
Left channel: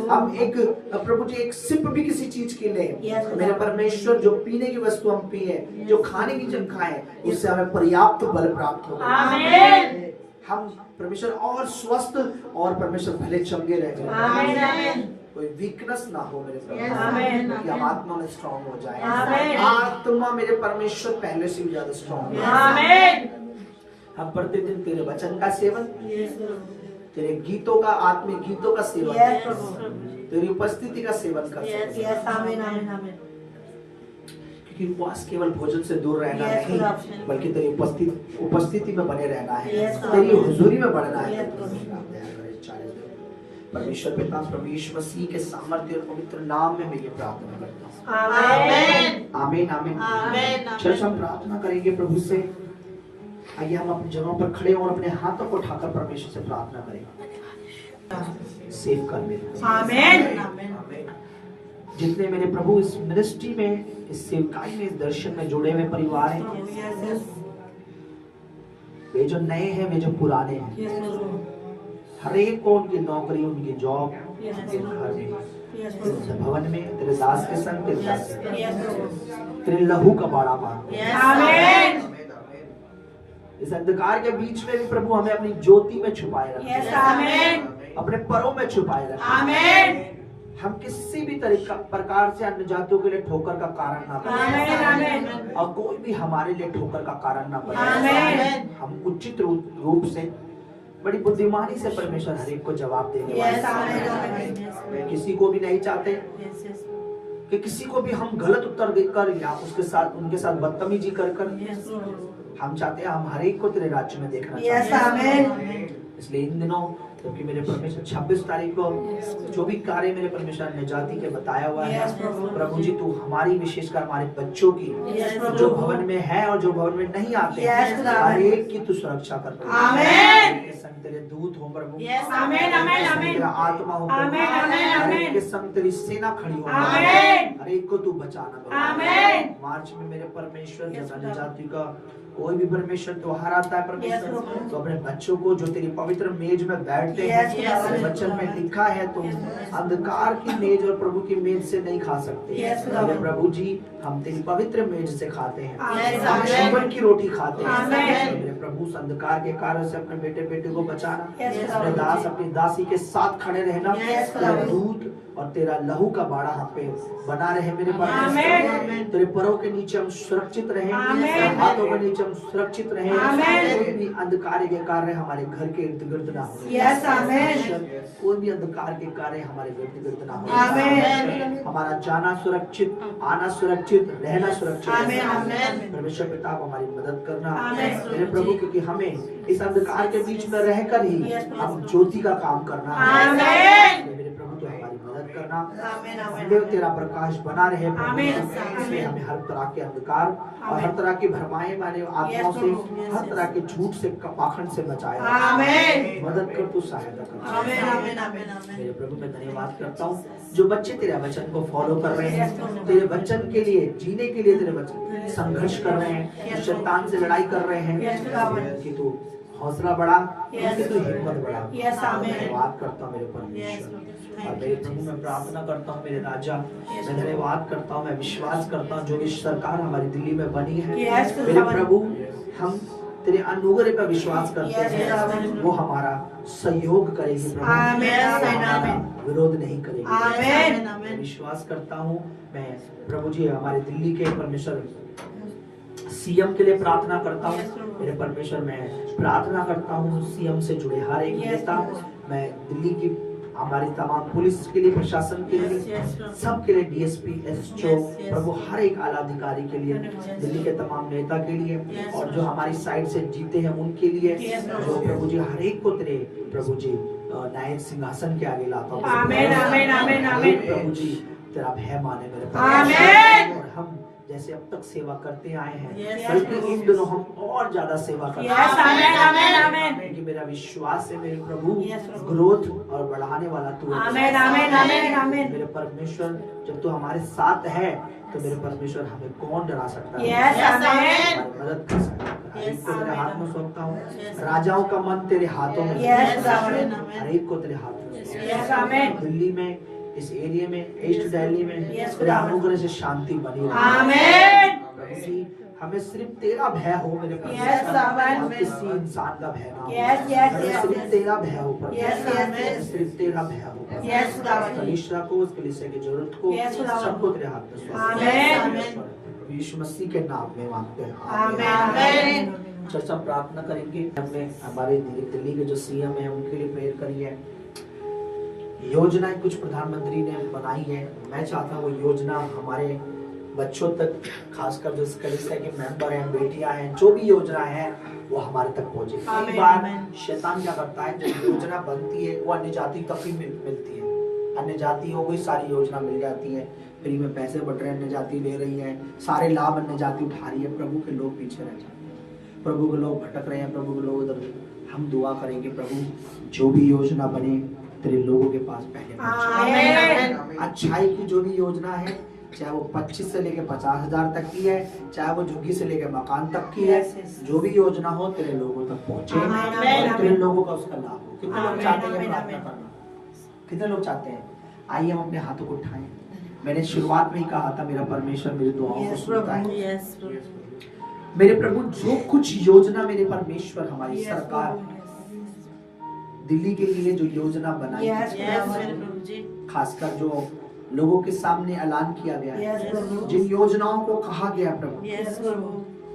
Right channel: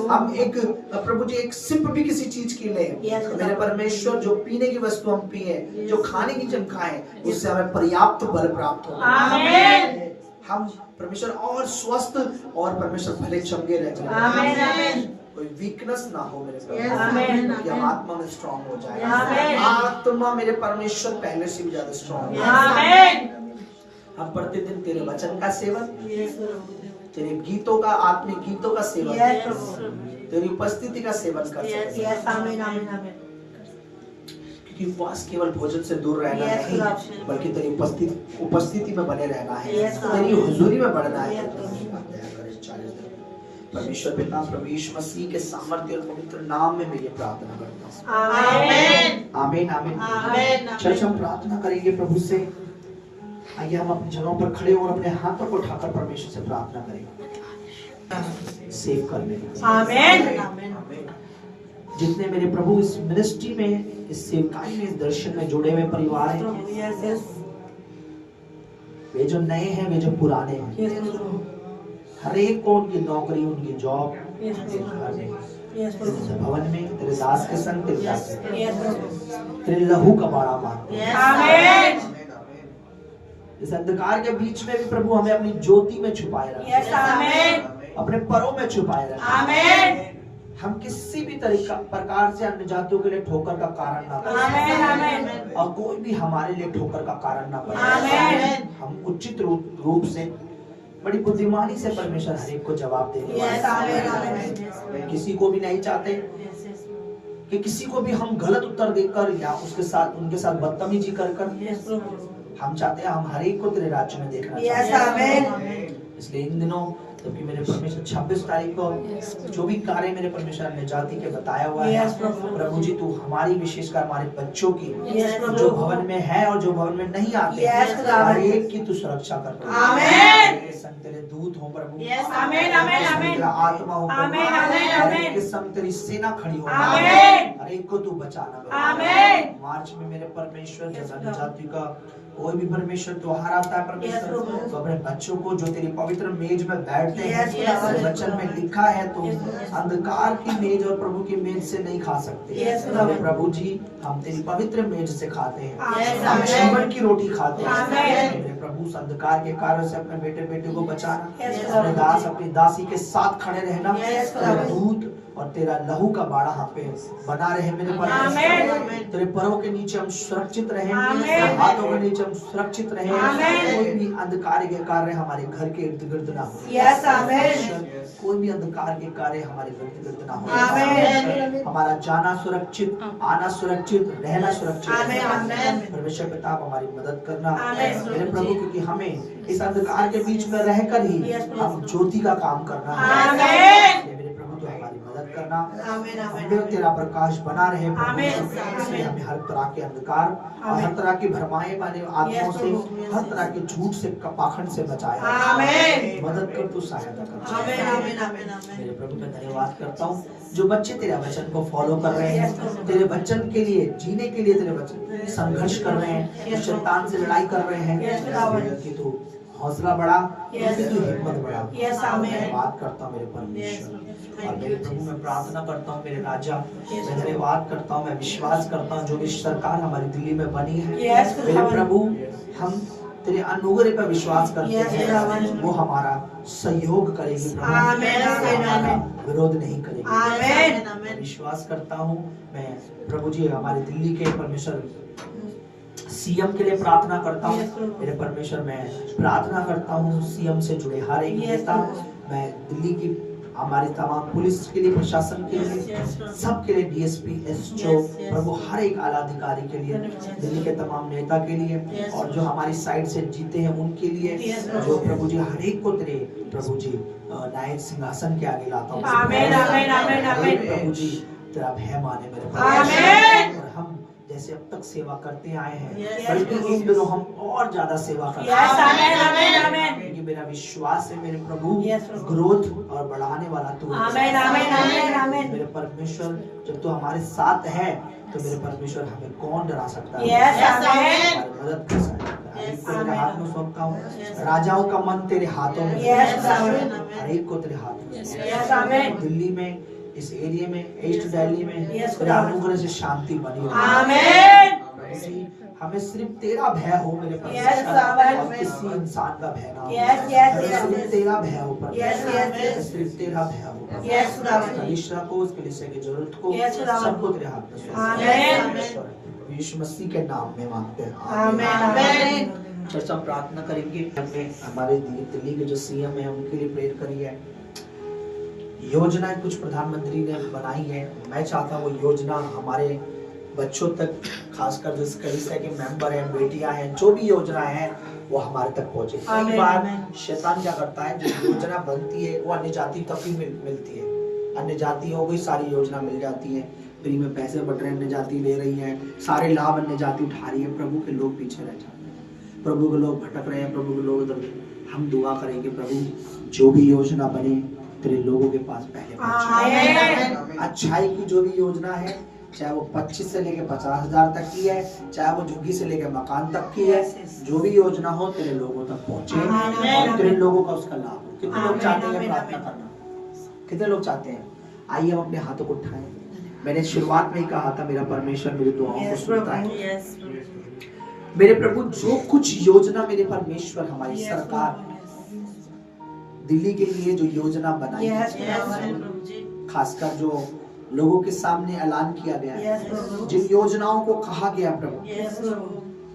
हम एक प्रभु जी एक सिप भी किसी चीज की ले, मेरे परमेश्वर जो पीने की वस्तु हम पिए, जो खाने की जन खाएं, उससे हमें पर्याप्त बल प्राप्त हो, हम परमेश्वर और स्वस्थ और परमेश्वर भले चंगे रहे, कोई वीकनेस ना हो मेरे प्रभु, कि हम आत्मा में स्ट्रांग हो जाए। आत्मा मेरे परमेश्वर पहले से भी ज्यादा स्ट्रांग हो। हम प्रतिदिन तेरे वचन का सेवन, तेरे गीतों का, आत्मिक गीतों का सेवन, तेरी उपस्थिति का सेवन कर सके। क्योंकि उपवास केवल भोजन से दूर रहना नहीं, बल्कि तेरी उपस्थिति में बने रहना है, तेरी हुजूरी में बढ़ना है। परमेश्वर पिता प्रभु यीशु मसीह के सामर्थ्य और पवित्र नाम में मैं ये प्रार्थना करता हूँ। आमीन आमीन आमीन। चर्च हम प्रार्थना करेंगे प्रभु से। आइए हम अपनी जगहों पर खड़े और अपने हाथों को उठाकर परमेश्वर से प्रार्थना करें। सेव कर मेरे आमीन। जितने मेरे प्रभु इस मिनिस्ट्री में, इस सेवकाई में, इस दर्शन में जुड़े हुए परिवार हैं, वे जो नए हैं, वे जो पुराने हैं, हर एक को उनकी नौकरी, उनकी जॉब, भवन में तेरे दास के संग तेरे लहू का बाड़ा मार। इस अंधकार के बीच में भी प्रभु हमें अपनी ज्योति में छुपाए रखे, अपने परों में छुपाए रखे। हम किसी भी तरीका प्रकार से अन्य जातियों के लिए ठोकर का कारण ना बने, और कोई भी हमारे लिए ठोकर का कारण ना बने। हम उचित रूप से बड़ी बुद्धिमानी से परमेश्वर हर एक को जवाब देने वाले। किसी को भी नहीं चाहते कि किसी को भी हम गलत उत्तर देकर या उनके साथ बदतमीजी कर हम चाहते हैं हम हर एक को तेरे राज्य में देखना चाहते हैं। इसलिए इन दिनों जबकि मेरे परमेश्वर 26 तारीख को जो भी कार्य मेरे परमेश्वर निजाती के बताया हुआ है, प्रभु जी तू हमारी विशेषकर हमारे बच्चों की जो भवन में है और जो भवन में नहीं आते हर एक की तू सुरक्षा कर प्रभु। आमीन। तेरे संग तेरे दूत हो प्रभु, आमीन आमीन आमीन तेरा आत्मा हो प्रभु, आमीन, आमीन, हर एक आमीन। के संग तेरी सेना खड़ी हो आमीन। हर एक को तू बचाना प्रभु। आमीन। मार्च में मेरे परमेश्वर जब जाति का कोई भी परमेश्वर त्योहार आता है परमेश्वर, तो अपने बच्चों को जो तेरी पवित्र मेज में बैठते हैं, तेरे वचन में लिखा है तो अंधकार की मेज और प्रभु की मेज से नहीं खा सकते। मेरे प्रभु जी हम तेरी पवित्र मेज से खाते हैं, हम जीवन की रोटी खाते हैं। मेरे प्रभु उस अंधकार के कार्यों से अपने बेटे बेटे को बचाना, अपने दास अपनी दासी के साथ खड़े रहना, तेरे दूत और तेरा लहू का बाड़ा हम पे बना रहे मेरे परमेश्वर। तेरे पैरों के नीचे हम सुरक्षित रहें, तेरे हाथों के नीचे हम सुरक्षित रहें, कोई भी अंधकार के कार्य हमारे घर के इर्द गिर्द ना हो, कोई भी अंधकार के कार्य हमारे इर्द गिर्द ना हो। हमारा जाना सुरक्षित, आना सुरक्षित, रहना सुरक्षित। परमेश्वर पिता आप हमारी मदद करना मेरे प्रभु, क्योंकि हमें इस अंधकार के बीच में रहकर ही हम ज्योति का काम करना है। मेरे प्रभु तो हमारी मदद करना, देव तेरा प्रकाश बना रहे प्रभु। इसलिए हमें हर तरह के अंधकार और हर तरह की भरमाए वाले आत्माओं से, हर तरह के झूठ से, पाखंड से बचाया। मदद कर तू, सहायता कर। मेरे प्रभु मैं धन्यवाद करता हूँ जो बच्चे तेरे वचन को फॉलो कर रहे हैं, तेरे वचन के लिए जीने के लिए तेरे वचन संघर्ष कर रहे हैं, शैतान से लड़ाई कर रहे हैं, कि तू हौसला बढ़ा, कि तू हिम्मत बढ़ा। धन्यवाद करता हूँ मेरे परमेश्वर। और मेरे प्रभु मैं प्रार्थना करता हूँ मेरे राजा, मैं धन्यवाद करता हूँ, मैं विश्वास करता हूँ जो भी सरकार हमारी दिल्ली में बनी है मेरे प्रभु, हम तेरे अनुग्रह पर विश्वास करते हैं, वो हमारा सहयोग करेगी प्रभु, हमारा विरोध नहीं करेगी। मैं विश्वास करता हूँ मैं प्रभु जी हमारे दिल्ली के परमेश्वर सीएम के लिए प्रार्थना करता हूँ मेरे परमेश्वर। मैं प्रार्थना करता हूँ सीएम से जुड़े हर एक नेता, मैं दिल्ली की हमारी तमाम पुलिस के लिए, प्रशासन के लिए, सबके लिए, डीएसपी, एसओ प्रभु, हर एक आला अधिकारी के लिए, दिल्ली के तमाम नेता के लिए, और जो हमारी साइड से जीते हैं उनके लिए, जो प्रभु जी हर एक को तेरे प्रभु जी न्याय सिंहासन के आगे लाता हूँ। आमीन आमीन आमीन आमीन। प्रभु जी तेरा भय माने मेरे परमेश्वर, और हम जैसे अब तक सेवा करते आए हैं बल्कि इन दिनों हम और ज्यादा सेवा करते हैं, क्योंकि मेरा विश्वास है मेरे प्रभु ग्रोथ और बढ़ाने वाला तू है। मेरे परमेश्वर जब तू हमारे साथ है तो मेरे परमेश्वर हमें कौन डरा सकता है, हमारी मदद कर सकता है। एक को तेरे हाथ में सौंपता हूँ, राजाओं का मन तेरे हाथों में, हर एक को तेरे हाथ में। दिल्ली में, इस एरिया में, ईस्ट दिल्ली में तेरे अनुग्रह से शांति बनी रहे। हमें सिर्फ तेरा भय हो मेरे परमेश्वर, और किसी इंसान का भय ना हो। सिर्फ तेरा भय हो परमेश्वर, सिर्फ तेरा भय हो। कलीसिया को, उस कलीसिया की जरूरत को, सबको तेरे हाथ में सौंपते हैं। यीशु मसीह के नाम में मांगते हैं। चर्चा प्रार्थना करेंगे। हमने हमारे दिल्ली के जो सीएम है उनके लिए प्रेयर करी है। योजनाएं कुछ प्रधानमंत्री ने बनाई है, मैं चाहता हूँ वो योजना हमारे बच्चों तक, खासकर जो कलीसिया के मेंबर हैं, बेटियां हैं, जो भी योजना है वो हमारे तक पहुंचे। कई बार शैतान क्या करता है, जो योजना बनती है वो अन्य जाति तक ही मिलती है, अन्य जातियों को ही सारी योजना मिल जाती है, फ्री में पैसे बढ़ रहे हैं, अन्य जाति ले रही है, सारे लाभ अन्य जाति उठा रही है, प्रभु के लोग पीछे रह जाते हैं, प्रभु के लोग भटक रहे हैं, प्रभु के लोग उधर। हम दुआ करेंगे प्रभु जो भी योजना बने तेरे लोगों के पास पहले पहुंचे। अच्छाई की जो भी योजना है, चाहे वो 25 से लेके 50,000 तक की है, चाहे वो झुग्गी से लेके मकान तक की है, जो भी योजना हो तेरे लोगों तक पहुंचे और तेरे लोगों का उसका लाभ हो। कितने लोग चाहते हैं प्रार्थना करना? कितने लोग चाहते हैं? आइए हम अपने हाथों को उठाएं। मैंने शुरुआत में ही कहा था मेरा परमेश्वर मेरी दुआओं को सुनता है। मेरे प्रभु जो कुछ योजना मेरे परमेश्वर हमारी सरकार दिल्ली के लिए जो योजना बनाई खासकर जो लोगों के सामने ऐलान किया गया, जिन योजनाओं को कहा गया प्रभु,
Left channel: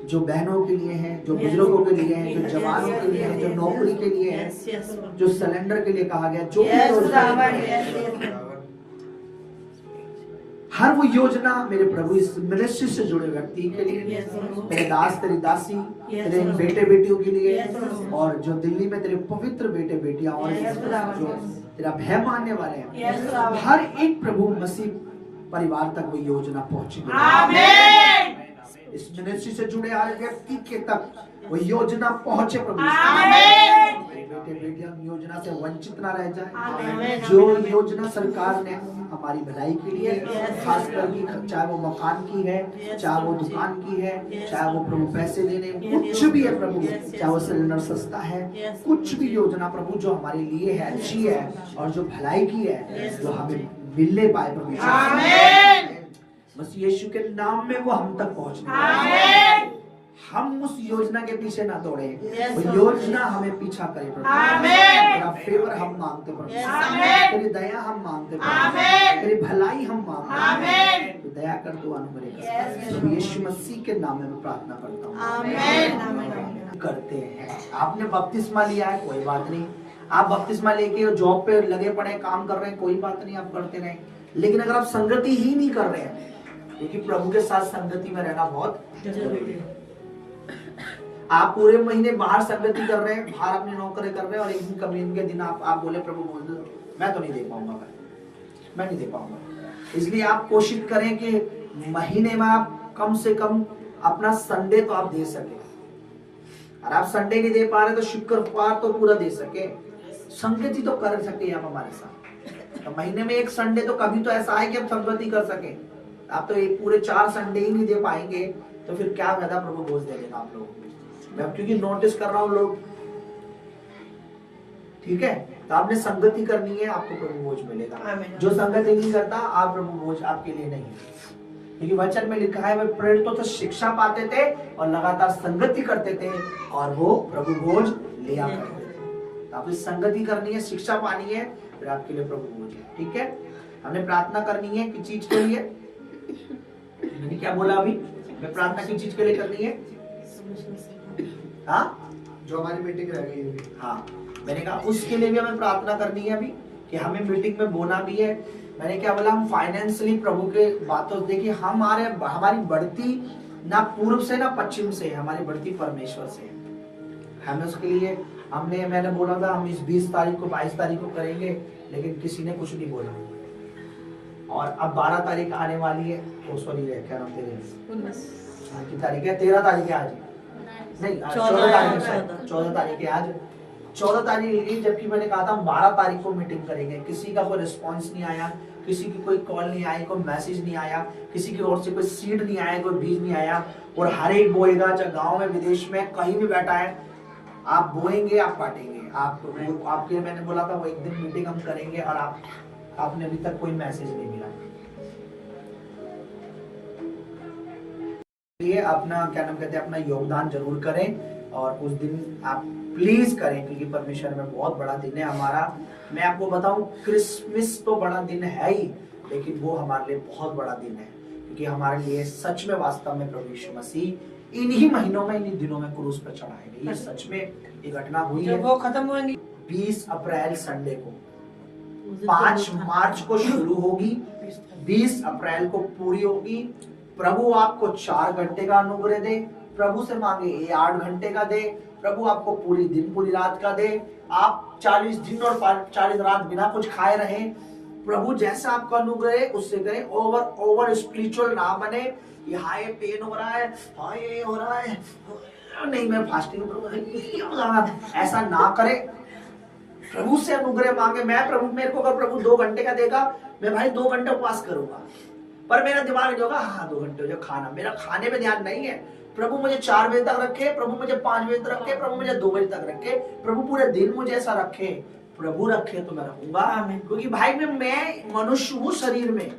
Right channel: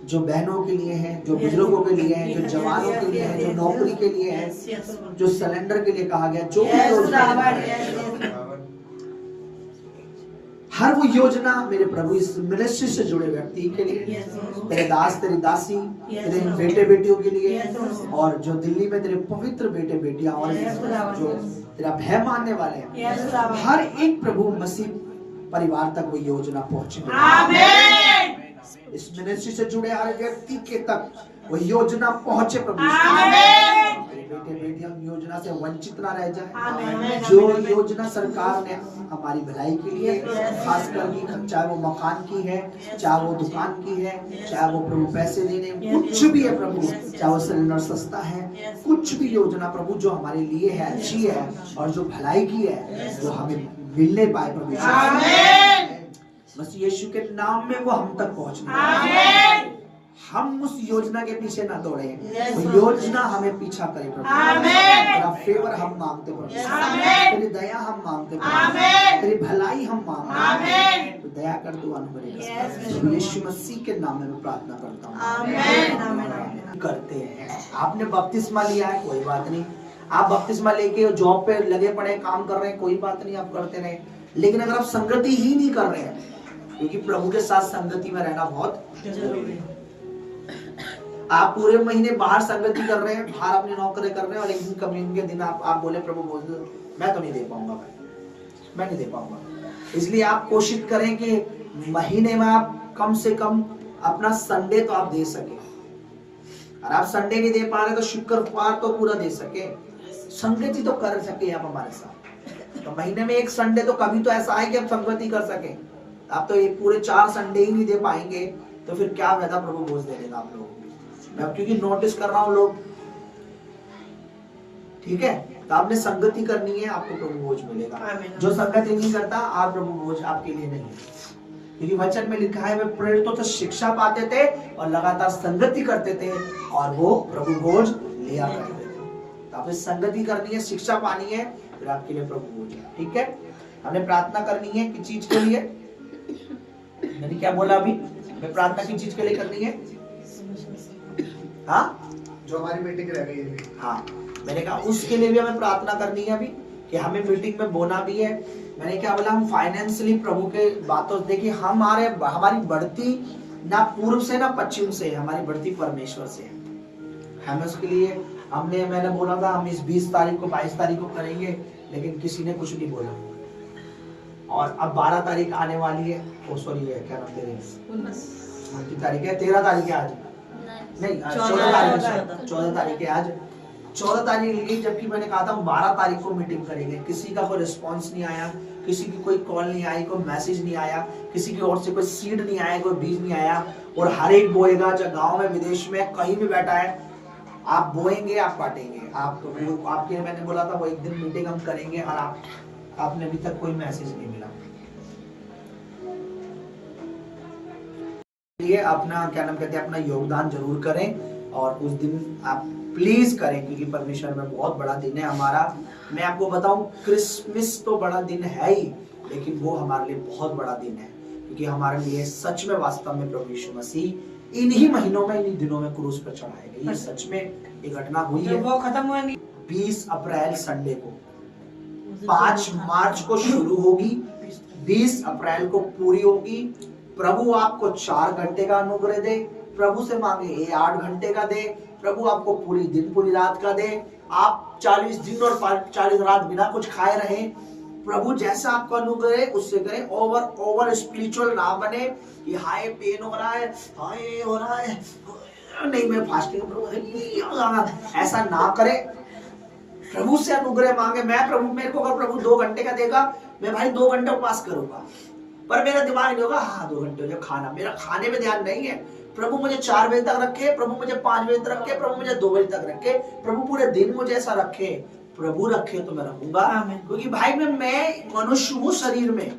जो बहनों के लिए है, जो बुजुर्गों के लिए है, जो जवानों के लिए है, जो नौकरी के लिए है, जो सिलेंडर के लिए कहा गया, जो भी योजना हर वो योजना मेरे प्रभु इस मिनिस्ट्री से जुड़े व्यक्ति के लिए, तेरे दास तेरी दासी, तेरे बेटे बेटियों के लिए, और जो दिल्ली में तेरे पवित्र बेटे बेटियां और जो तेरा भय मानने वाले हैं, हर एक प्रभु मसीह परिवार तक वो योजना पहुंचे। आमीन। इस मिनिस्ट्री से जुड़े हर व्यक्ति के तक वो योजना पहुंचे प्रभु। आमीन। बेटे बेटियां योजना से वंचित ना रह जाए। आमीन। जो योजना सरकार ने हमारी भलाई के लिए, खास करके चाहे वो मकान की है, चाहे वो दुकान की है, चाहे वो प्रभु पैसे देने, कुछ भी है प्रभु, चाहे वो सिलेंडर सस्ता है, कुछ भी योजना प्रभु जो हमारे लिए है, अच्छी है और जो भलाई की है, वो हमें मिलने पाए प्रभु। आमीन। बस यीशु के नाम में वो हम तक पहुंचने आमीन। हम उस योजना के पीछे ना दौड़े, वो योजना हमें पीछा करे प्रभु। आमीन। तेरा फेवर हम मांगते प्रभु, आमीन। तेरी दया हम मांगते आमीन। प्रभु, तेरी भलाई हम मांगते आमीन। तो दया कर, दो अनुग्रह कर। प्रभु यीशु मसीह के नाम में प्रार्थना करता हूँ, आमीन। करते हैं। आपने बपतिस्मा लिया है, कोई बात नहीं, आप बपतिस्मा लेके जॉब पे लगे पड़े काम कर रहे हैं, कोई बात नहीं, आप करते रहे। लेकिन अगर आप संगति ही नहीं कर रहे हैं, क्योंकि प्रभु के साथ संगति में रहना बहुत जरूरी है। आप पूरे महीने बाहर संगति कर रहे हैं, बाहर अपनी नौकरी कर रहे हैं, और एक दिन कम्युनियन के दिन आप बोले प्रभु बोल दो, मैं तो नहीं दे पाऊंगा, मैं नहीं दे पाऊंगा। इसलिए आप कोशिश करें कि महीने में आप कम से कम अपना संडे तो आप दे सके। और आप संडे नहीं दे पा रहे तो शुक्रवार तो पूरा दे सके, संगति तो कर सके आप हमारे साथ। तो महीने में एक संडे तो कभी तो ऐसा है कि आप संगति कर सके। आप तो एक पूरे 4 संडे ही नहीं दे पाएंगे तो फिर क्या फायदा प्रभु बोझ दे देगा आप लोग। मैं क्योंकि नोटिस कर रहा हूं लोग, ठीक है, तो आपने संगति करनी है, आपको प्रभु बोझ मिलेगा। जो संगति नहीं करता, आप प्रभु बोझ आपके लिए नहीं है। क्योंकि वचन में लिखा है वे प्रेरितों से शिक्षा पाते थे और लगातार संगति करते थे और वो प्रभु बोझ लिया करते थे। तो आपको संगति करनी है, शिक्षा पानी है, फिर आपके लिए प्रभु बोझ है। ठीक है, हमने प्रार्थना करनी है किस चीज के लिए? मैंने क्या बोला अभी? मैं प्रार्थना किस चीज के लिए करनी है? हाँ, जो हमारी मीटिंग रह गई है। हाँ, मैंने कहा उसके लिए भी हमें प्रार्थना करनी है अभी, कि हमें मीटिंग में बोना भी है। मैंने क्या बोला? हम फाइनेंशियली प्रभु के बातों से देखिए, हमारी बढ़ती ना पूर्व से ना पश्चिम से, हमारी बढ़ती परमेश्वर से है। हमें उसके लिए मैंने बोला था हम इस 20 तारीख को 22 तारीख को करेंगे, लेकिन किसी ने कुछ नहीं बोला। और अब 12 तारीख आने वाली है, सॉरी क्या नाम तेरे, की तारीख है 13 तारीख है आज, नहीं 14 तारीख है, 14 तारीख है आज, 14 तारीख, जबकि मैंने कहा था हम 12 तारीख को मीटिंग करेंगे। किसी का कोई रिस्पांस नहीं आया, किसी की कोई कॉल नहीं आई, कोई मैसेज नहीं आया, किसी की ओर से कोई सीड नहीं आया, कोई बीज नहीं आया। और हर एक बोएगा, चाहे गांव में विदेश में कहीं भी बैठा है, आप बोएंगे आप काटेंगे। आपके मैंने बोला था वो एक दिन मीटिंग हम करेंगे, और आपने अभी तक कोई मैसेज नहीं मिला। ये अपना क्या नाम कहते हैं, अपना योगदान जरूर करें, और उस दिन आप प्लीज करें, क्योंकि परमेश्वर में बहुत बड़ा दिन है हमारा। मैं आपको बताऊं, क्रिसमस तो बड़ा दिन है ही, लेकिन वो हमारे लिए बहुत बड़ा दिन है, क्योंकि हमारे लिए सच में वास्तव में प्रभु यीशु मसीह इन्हीं महीनों में, इन्हीं दिनों में क्रूस पर चढ़ाए गए। ये सच में ये घटना हुई है। वो खत्म होंगी 20 अप्रैल संडे को, 5 मार्च को शुरू होगी, 20 अप्रैल को पूरी होगी। प्रभु आपको 4 घंटे का अनुग्रह दे, प्रभु से मांगे ये 8 घंटे का दे, प्रभु आपको पूरी दिन पूरी रात का दे, आप 40 दिन और 40 रात बिना कुछ खाए रहे। प्रभु जैसा आपको अनुग्रह है उससे करें। ओवर स्पिरिचुअल ना बने कि हाय पेन हो रहा है, हाय हो रहा है, नहीं मैं फास्टिंग करूंगा, ऐसा ना करें। प्रभु से अनुग्रह मांगे। मैं प्रभु, मेरे को अगर प्रभु 2 घंटे का देगा, मैं भाई 2 घंटे उपवास करूंगा, पर मेरा दिमाग नहीं होगा हाँ 2 घंटे हो जाए खाना, मेरा खाने में ध्यान नहीं है। प्रभु मुझे 4 बजे तक रखे, प्रभु मुझे 5 बजे तक रखे, प्रभु मुझे 2 बजे तक रखे, प्रभु पूरे दिन मुझे ऐसा रखे, प्रभु रखे तो मैं रहूंगा। क्योंकि भाई मैं मनुष्य हूँ शरीर में,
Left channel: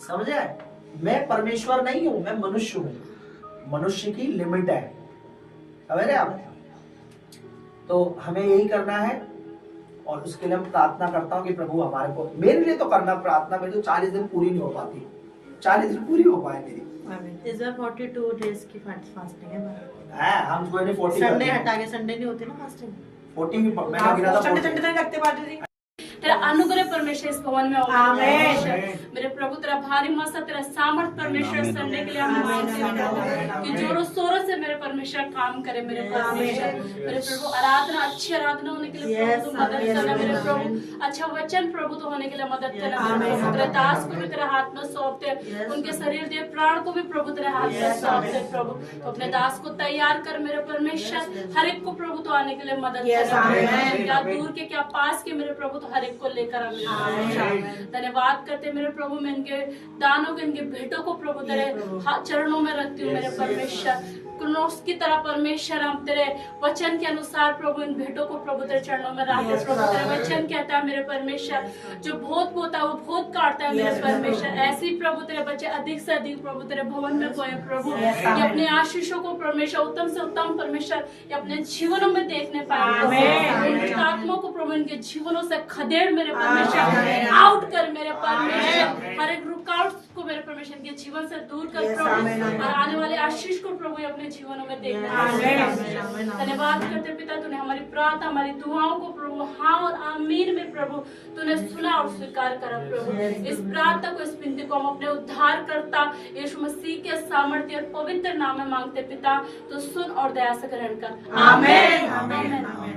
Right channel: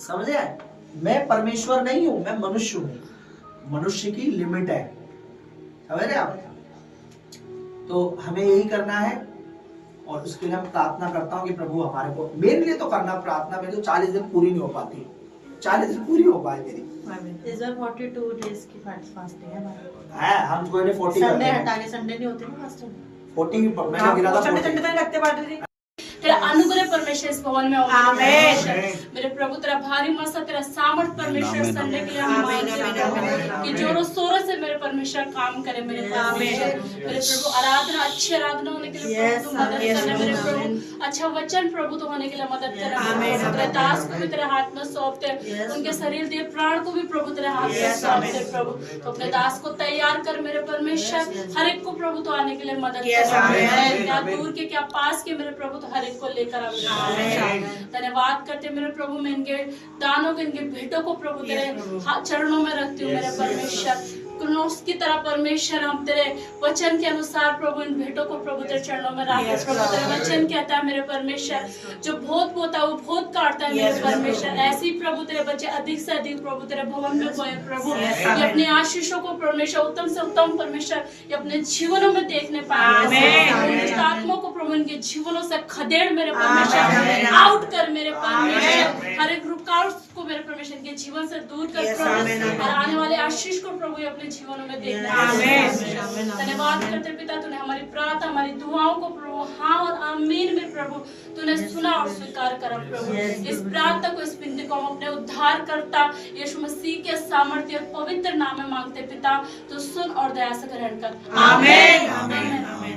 समझे? मैं परमेश्वर नहीं हूँ, मैं मनुष्य हूँ। मनुष्य की लिमिट है, समझ रहे आप? तो हमें यही करना है, और उसके लिए हम प्रार्थना करता हूँ कि प्रभु हमारे को, मेरे लिए तो करना प्रार्थना, मेरी तो 40 दिन पूरी नहीं हो पाती, 40 दिन पूरी हो पाए मेरी। इस बार 42 डेज की फास्टिंग है हमारे। है हम कोई ने 40 संडे हटा के, संडे नहीं होती ना फास्टिंग। 40 मैंने गिना था, संडे तक रखते बाटे तेरा अनुग्रह परमेश्वर इस भवन में होगा आमीन। मेरे प्रभु तेरा भारी मसा तेरा सामर्थ परमेश्वर सुनने के लिए हम मांगते हैं कि जोरों शोरों से मेरे परमेश्वर काम करे मेरे परमेश्वर। मेरे प्रभु आराधना अच्छी आराधना होने के लिए प्रभु तू मदद करना मेरे प्रभु। अच्छा वचन प्रभु तो होने के लिए मदद करना। तेरे दास को भी तेरे हाथ में सौंपते, उनके शरीर दे प्राण को भी प्रभु तेरे हाथ में सौंपते प्रभु। तो अपने दास को तैयार कर मेरे परमेश्वर, हर एक को प्रभु तो आने के लिए मदद कर, क्या दूर के क्या पास के मेरे प्रभु तो हर एक को लेकर आ मेरे परमेश्वर। धन्यवाद करते मेरे प्रभु, मैं इनके दानों को इनके भेंटों को प्रभु तेरे चरणों में रखती हूँ मेरे परमेश्वर। क्रोनोस की तरह परमेश्वर हम तेरे वचन के अनुसार प्रभु इन भेंटों को प्रभु तेरे चरणों में रखते हैं प्रभु। तेरा वचन कहता है मेरे परमेश्वर, जो भोत बोता है वो भोत काटता है मेरे परमेश्वर। ऐसी प्रभु तेरे बच्चे अधिक से अधिक प्रभु तेरे भवन में बोए प्रभु, ये अपने आशीषों को परमेश्वर उत्तम से उत्तम परमेश्वर ये अपने जीवनों में देखने पाए। आत्मा को प्रभु इनके जीवनों से खदेड़ मेरे परमेश्वर, आउट कर मेरे परमेश्वर। हर एक रुकावट को मेरे परमेश्वर इनके जीवन से दूर कर प्रभु, और आने वाले आशीष को प्रभु अपने जीवनों में देखना। धन्यवाद करते पिता, तूने हमारी प्रार्थना हमारी दुआओं को प्रभु हाँ और आमीन में प्रभु तूने सुना और स्वीकार करा प्रभु। इस प्रार्थना को, इस विनती को हम अपने उद्धार करता यीशु मसीह के सामर्थ्य और पवित्र नाम में मांगते पिता, तो सुन और दया से ग्रहण कर। आमीन।